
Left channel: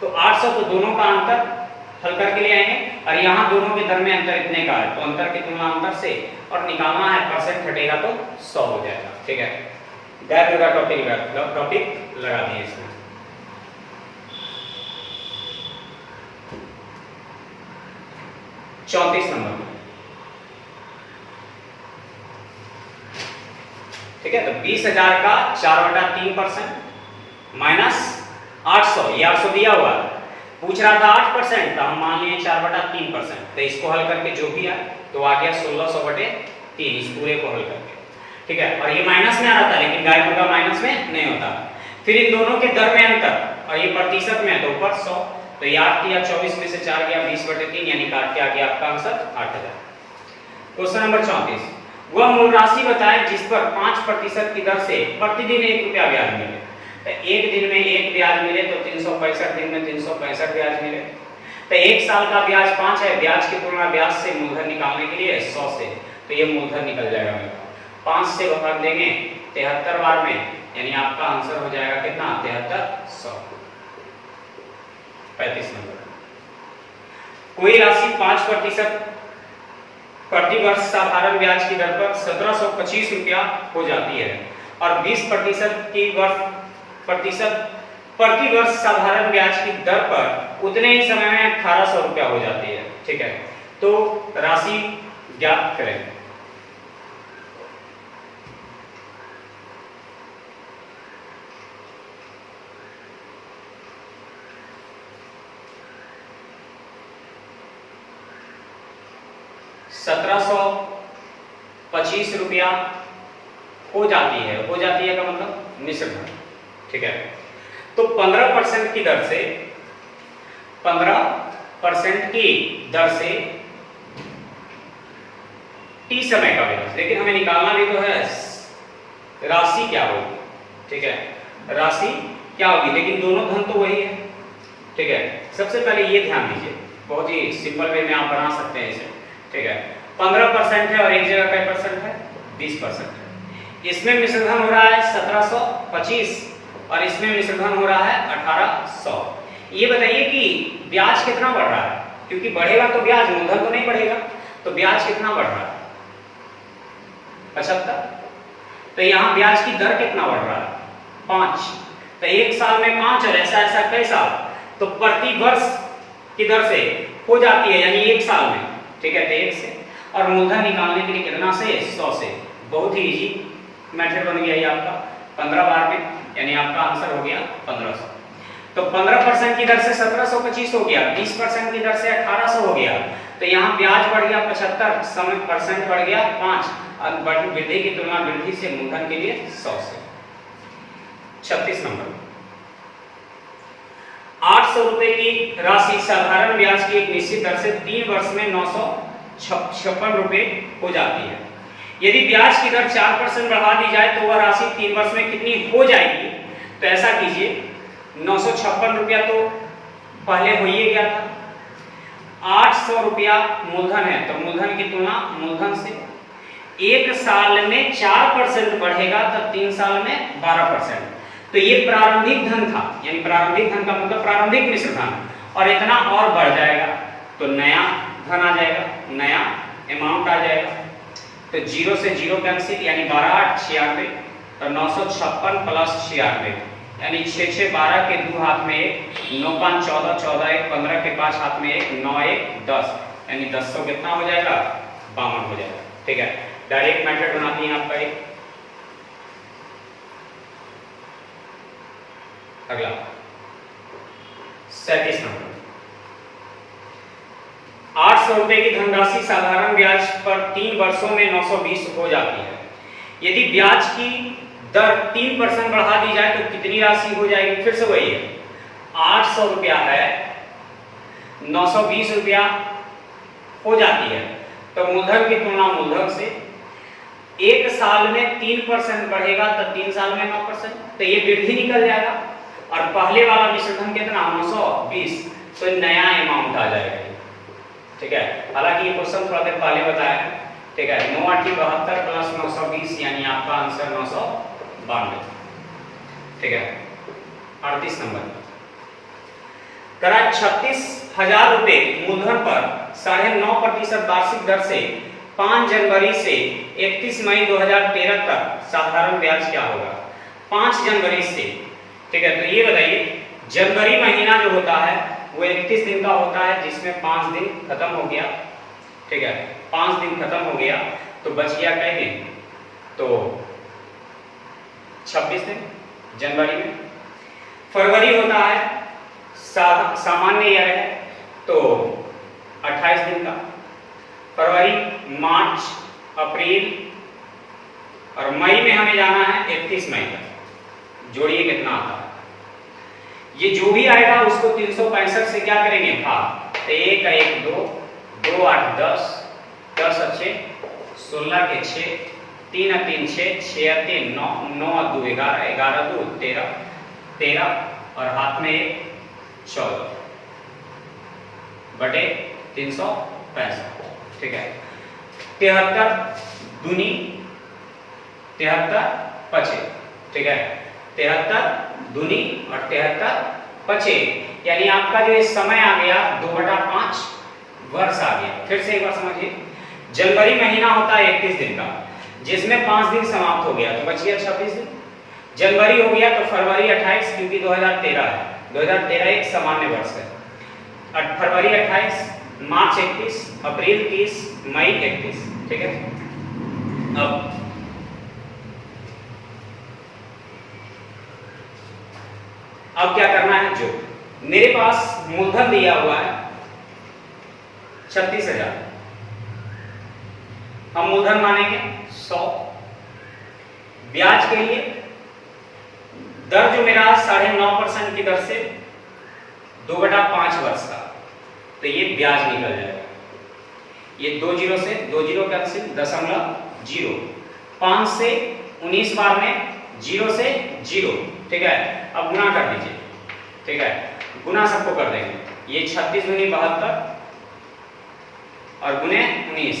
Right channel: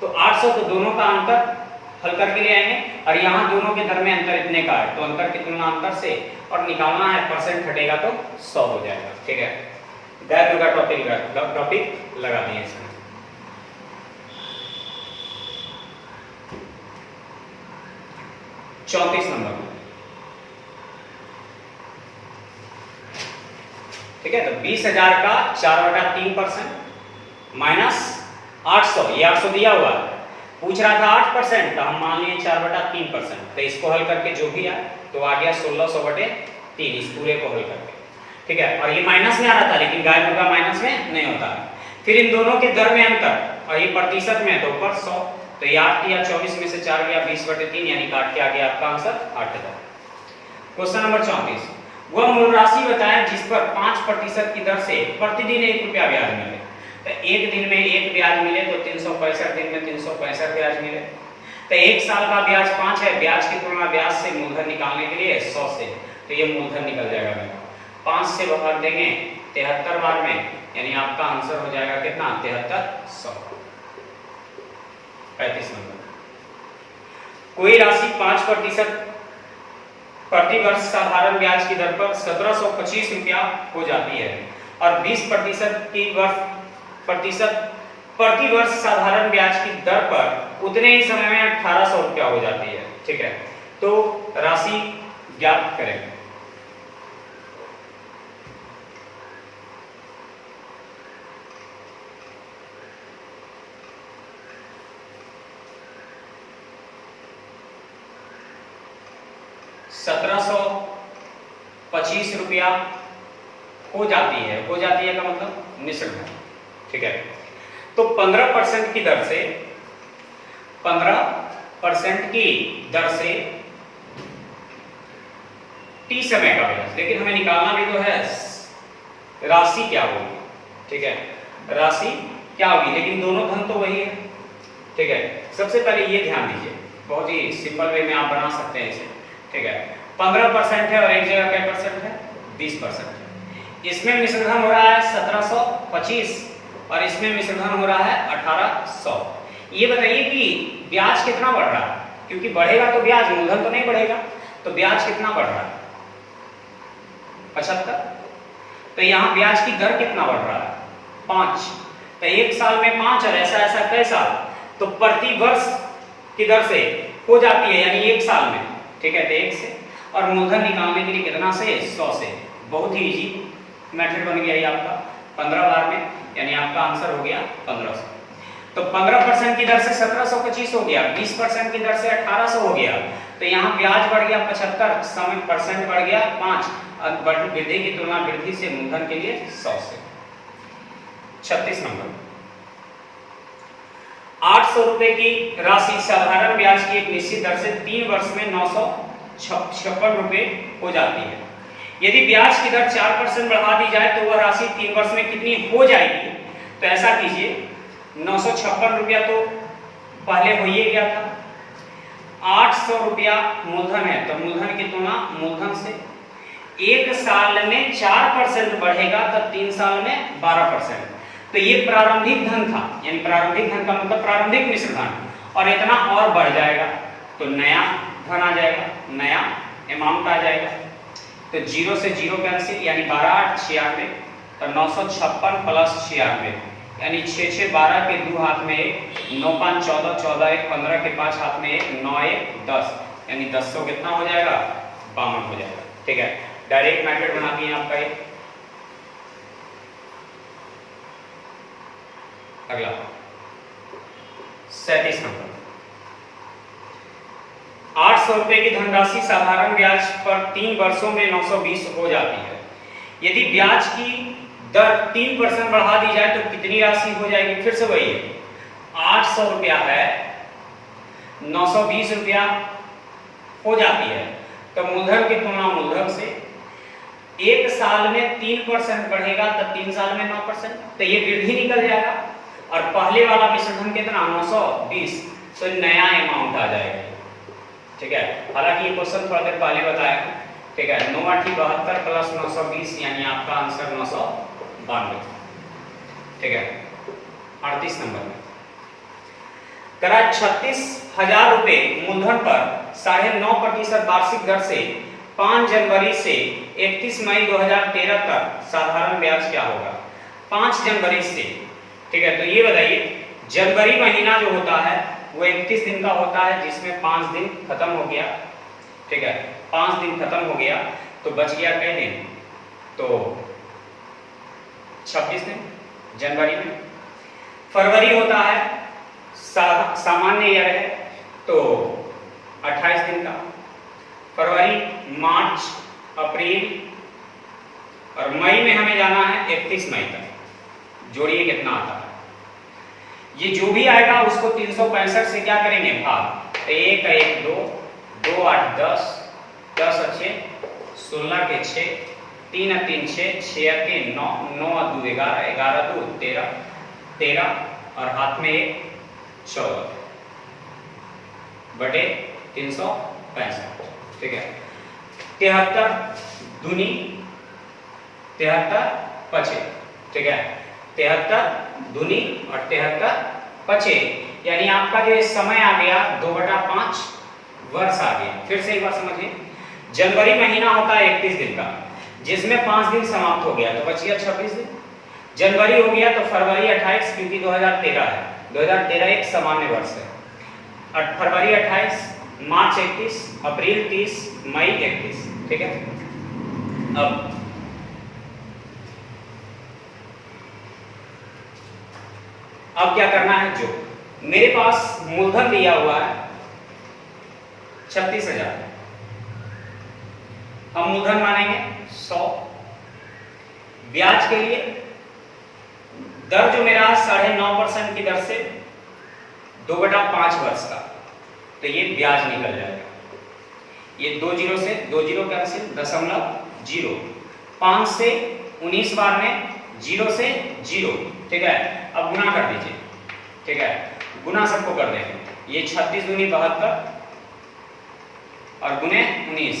तो 800 तो दोनों का अंतर हल करके ले आएंगे, और यहाँ दोनों के दर में अंतर इतने का है, तो अंतर की तुलना अंतर से और निकालना है, परसेंट हटेगा तो 100 हो जाएगा, ठीक है। गायब मुद्रा टॉपिक लगा दिए इसमें। चौंतीस नंबर, ठीक है। तो 20,000 का 4/3% माइनस 800, ये 800 दिया हुआ, पूछ रहा था 8%, तो हम मान लिए 4/3%, तो इसको हल करके जो भी आया तो आ गया 1600/3, इस पूरे को हल करके, ठीक है। और ये माइनस में आ रहा था, लेकिन गायब मुद्रा माइनस में नहीं होता। फिर इन दोनों के दर में अंतर, और ये प्रतिशत में तो ऊपर 100, तो ये 8 दिया 24 में से 4 गया 20/3, यानी काट के आ गया आपका आंसर 8,000। क्वेश्चन नंबर 34, वह मूल राशि बताएं जिस पर 5% की दर से प्रतिदिन 1 रुपया ब्याज मिले। तो एक दिन में 1 ब्याज मिले तो 365 दिन में 365 ब्याज मिले। तो 1 साल का ब्याज 5 है, ब्याज की तुलना ब्याज से मूलधन निकालने के लिए 100 से, तो ये मूलधन निकल जाएगा मेरा, 5 से भाग देंगे 73 बार में, यानी आपका आंसर हो जाएगा कितना 7300। 35 नंबर, कोई राशि 5% प्रति वर्ष साधारण ब्याज की दर पर 1725 रुपया हो जाती है, और 20% प्रति वर्ष साधारण ब्याज की दर पर उतने ही समय में 1800 रुपया हो जाती है, ठीक है। तो राशि ज्ञात करें। ₹1725 रुपया हो जाती है का मतलब मिश्र धन, ठीक है। तो 15% की दर से T समय का ब्याज, लेकिन हमें निकालना भी तो है राशि क्या होगी, ठीक है, राशि क्या होगी, लेकिन दोनों धन तो वही है, ठीक है। सबसे पहले ये ध्यान दीजिए, बहुत ही सिंपल वे में आप बना सकते हैं इसे, ठीक है। 15% है और एक जगह क्या परसेंट है 20% है। इसमें मिश्रधन हो रहा है 1725 और इसमें मिश्रधन हो रहा है 1800। ये बताइए कि ब्याज कितना बढ़ रहा है, क्योंकि बढ़ेगा तो ब्याज, मूलधन तो नहीं बढ़ेगा, तो ब्याज कितना बढ़ रहा है 75। तो यहाँ ब्याज की दर कितना बढ़ रहा है 5। तो एक साल में 5 और ऐसा ऐसा कई साल, तो प्रति वर्ष की दर से हो जाती है, यानी एक साल में, ठीक है। तो 1 से और मूलधन निकालने के लिए कितना से 100 से। बहुत ही इजी मेथड बन गया ये आपका 15 बार में, यानी आपका आंसर हो गया 1500। तो 15% की दर से 1725 हो गया, 20% की दर से 1800 हो गया। तो यहाँ ब्याज बढ़ गया 75, समय परसेंट बढ़ गया 5, वृद्धि की तुलना वृद्धि से मूलधन के लिए 100 से। 36 नंबर, 800 रुपए की राशि साधारण ब्याज की एक निश्चित दर से 3 वर्ष में 956 रुपए हो जाती है। यदि ब्याज की दर 4% बढ़ा दी जाए तो वह राशि 3 वर्ष में कितनी हो जाएगी? तो ऐसा कीजिए, 956 रुपया तो पहले हो ही गया था, 800 रुपया मूलधन है, तो मूलधन की तुलना मूलधन से 1 साल में 4% बढ़ेगा तो 3 साल में 12%। तो ये प्रारंभिक धन था, यानी प्रारंभिक धन का मतलब प्रारंभिक मिश्र धन, और इतना और बढ़ जाएगा तो नया धन आ जाएगा, नया अमाउंट आ जाएगा। तो 0 से 0 कैंसिल, यानी 12 8 96, तो 956 प्लस 96, यानी 6 6 12 के 2 हाथ में 1, 9 5 14, 14 1 15 के 5 हाथ में 1, 9 1 10, यानी 10 सौ कितना हो जाएगा? 52 हो जाएगा। ठीक है, डायरेक्ट मेथड बनाती हैं आपका ये। अगला 37 नंबर, 800 रुपए की धनराशि साधारण ब्याज पर 3 वर्षों में 920 हो जाती है। यदि ब्याज की दर 3% बढ़ा दी जाए तो कितनी राशि हो जाएगी? फिर से वही है, 800 रुपया है, 920 रुपया हो जाती है, तो मूलधन की तुलना मूलधन से 1 साल में 3% बढ़ेगा तो 3 साल में 9%, तो ये वृद्धि निकल जाएगा। और पहले वाला मिश्रधन कितना? 920, तो नया अमाउंट आ जाएगा। ठीक है, हालांकि ये क्वेश्चन थोड़ा देर पहले बताया है। ठीक है, 9 8 72 प्लस 920, यानी आपका आंसर 992। ठीक है, 38 नंबर, करा 36,000 रुपए मूलधन पर 9.5% वार्षिक दर से 5 जनवरी से 31 मई 2013 तक साधारण ब्याज क्या होगा? 5 जनवरी से, ठीक है, तो ये बताइए, जनवरी महीना जो होता है वो 31 दिन का होता है, जिसमें 5 दिन खत्म हो गया। ठीक है, 5 दिन खत्म हो गया तो बच गया कई दिन? तो 26 दिन जनवरी में। फरवरी होता है सामान्य ईयर है, तो 28 दिन का। फरवरी, मार्च, अप्रैल और मई में हमें जाना है 31 मई तक। जोड़िए कितना आता है? ये जो भी आएगा उसको 365 से क्या करेंगे? भाग। 1 1 2, 2 8 10, 10 अच्छे 16 के 6, 3 3 6, 6 3 9, 9 2 11, 11 2 13, 13 और हाथ में 1 14 बटे 365। ठीक है, 73 दूनी 73 पचे। ठीक है, 73 दूनी और 73 पचे, यानी आपका जो समय आ गया 2/5 वर्ष आ गया। फिर से एक बार समझिए, जनवरी महीना होता है 31 दिन का, जिसमें 5 दिन समाप्त हो गया तो बच गया 26 दिन। जनवरी हो गया तो फरवरी 28, क्योंकि 2013 है, 2013 एक सामान्य वर्ष है। और फरवरी 28, मार्च 31, अप्रैल 30, मई 31। ठीक है, अब क्या करना है? जो मेरे पास मूलधन दिया हुआ है 36,000, हम मूलधन मानेंगे 100। ब्याज के लिए दर जो मेरा 9.5% की दर से 2/5 वर्ष का, तो ये ब्याज निकल जाएगा। ये 2 0 से 2 0 कैंसिल, 0.0, 5 से 19 बार में 0 से 0। ठीक है, अब गुना कर दीजिए। ठीक है, गुना सबको कर देंगे। ये 36 दूनी 72 और गुने 19,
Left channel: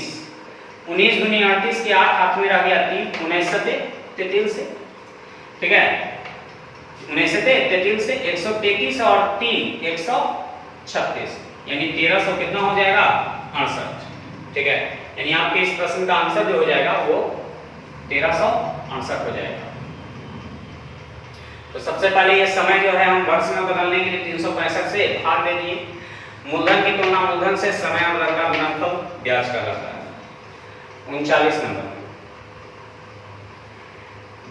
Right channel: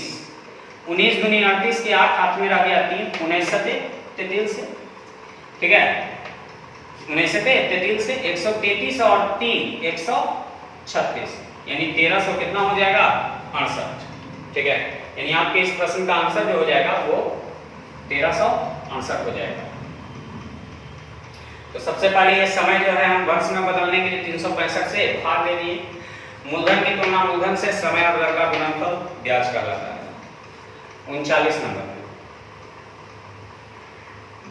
19 दूनी 38 के 8 हाथ में रह गया 3, 19 से 33 से। ठीक है, 19 से 33 से 133 और 3 136, यानी 1300 कितना हो जाएगा? 68। ठीक है, यानी आपके इस प्रश्न का आंसर जो हो जाएगा वो 1368 हो जाएगा। तो सबसे पहले ये समय जो है हम वर्ष में बदलने के लिए 365 से भाग दे दिए। मूलधन की तुलना मूलधन से समय और दर का गुणनफल ब्याज कहलाता है। 39 नंबर।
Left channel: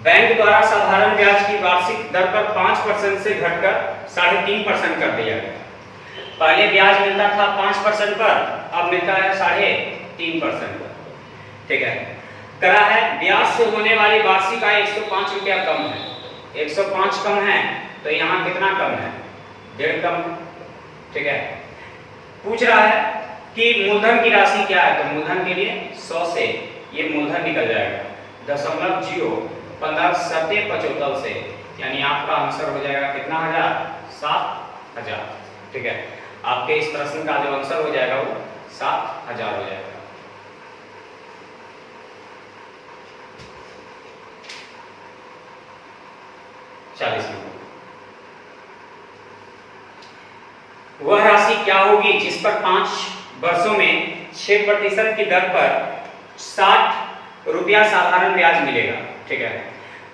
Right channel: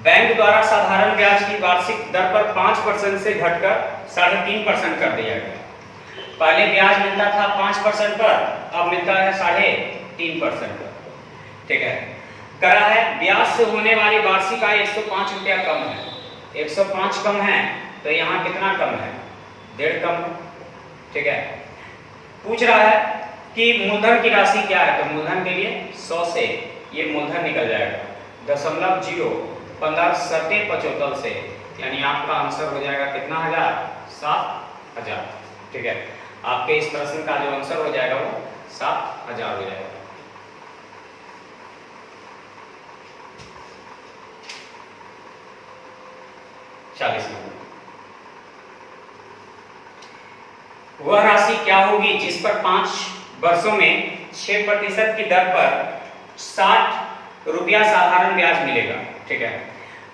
बैंक द्वारा साधारण ब्याज की वार्षिक दर पर 5% से घटकर 3.5% कर दिया गया। पहले ब्याज मिलता था 5% पर, अब मिलता है 3.5% पर। ठीक है, करा है ब्याज से होने वाली वार्षिक आय 105 रुपया कम है। 105 कम है तो यहाँ कितना कम है? 1.5 कम। ठीक है, पूछ रहा है कि मूलधन की राशि क्या है, तो मूलधन के लिए 100 से ये मूलधन निकल जाएगा 0.015 सत्य 75 से, यानी आपका आंसर हो जाएगा कितना हजार? 7,000। ठीक है, आपके इस प्रश्न का जो आंसर हो जाएगा वो 7,000 हो जाएगा। वह राशि क्या होगी जिस पर 5 वर्षों में 6% की दर पर 60 रुपया साधारण ब्याज मिलेगा। ठीक है,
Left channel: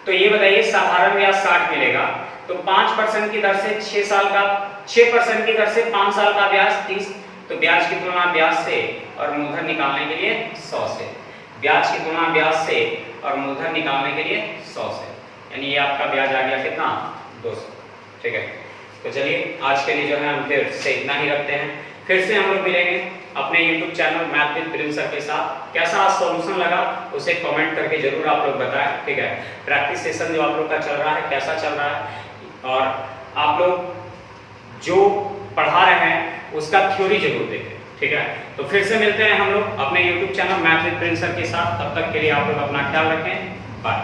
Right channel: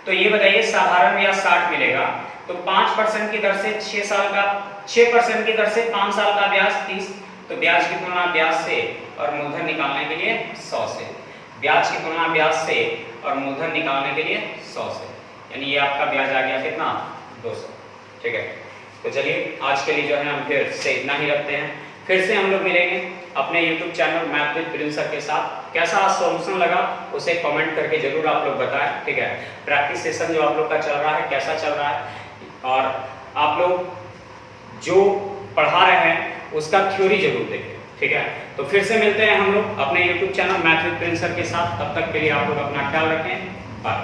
तो ये बताइए साधारण ब्याज 60 मिलेगा तो 5% की दर से 6% की दर से 5 साल का ब्याज 30, तो ब्याज की तुलना ब्याज से और मूलधन निकालने के लिए 100 से, ब्याज की तुलना ब्याज से और मूलधन निकालने के लिए 100 से, यानी ये आपका ब्याज आ गया कितना? 200। ठीक है, तो चलिए आज के लिए जो है हम फिर से इतना ही रखते हैं। फिर से हम लोग मिलेंगे अपने YouTube channel math with Prince sir के साथ। कैसा सॉल्यूशन लगा उसे कमेंट करके जरूर आप लोग बताएं। ठीक है, प्रैक्टिस सेशन जो आप लोग का चल रहा है कैसा चल रहा है, और आप लोग जो पढ़ा रहे हैं उसका थ्योरी जरूर देखें। ठीक है, तो फिर से मिलते हैं हम लोग अपने YouTube channel math with Prince sir के साथ। तब तक के लिए आप लोग अपना ख्याल रखें। बाय।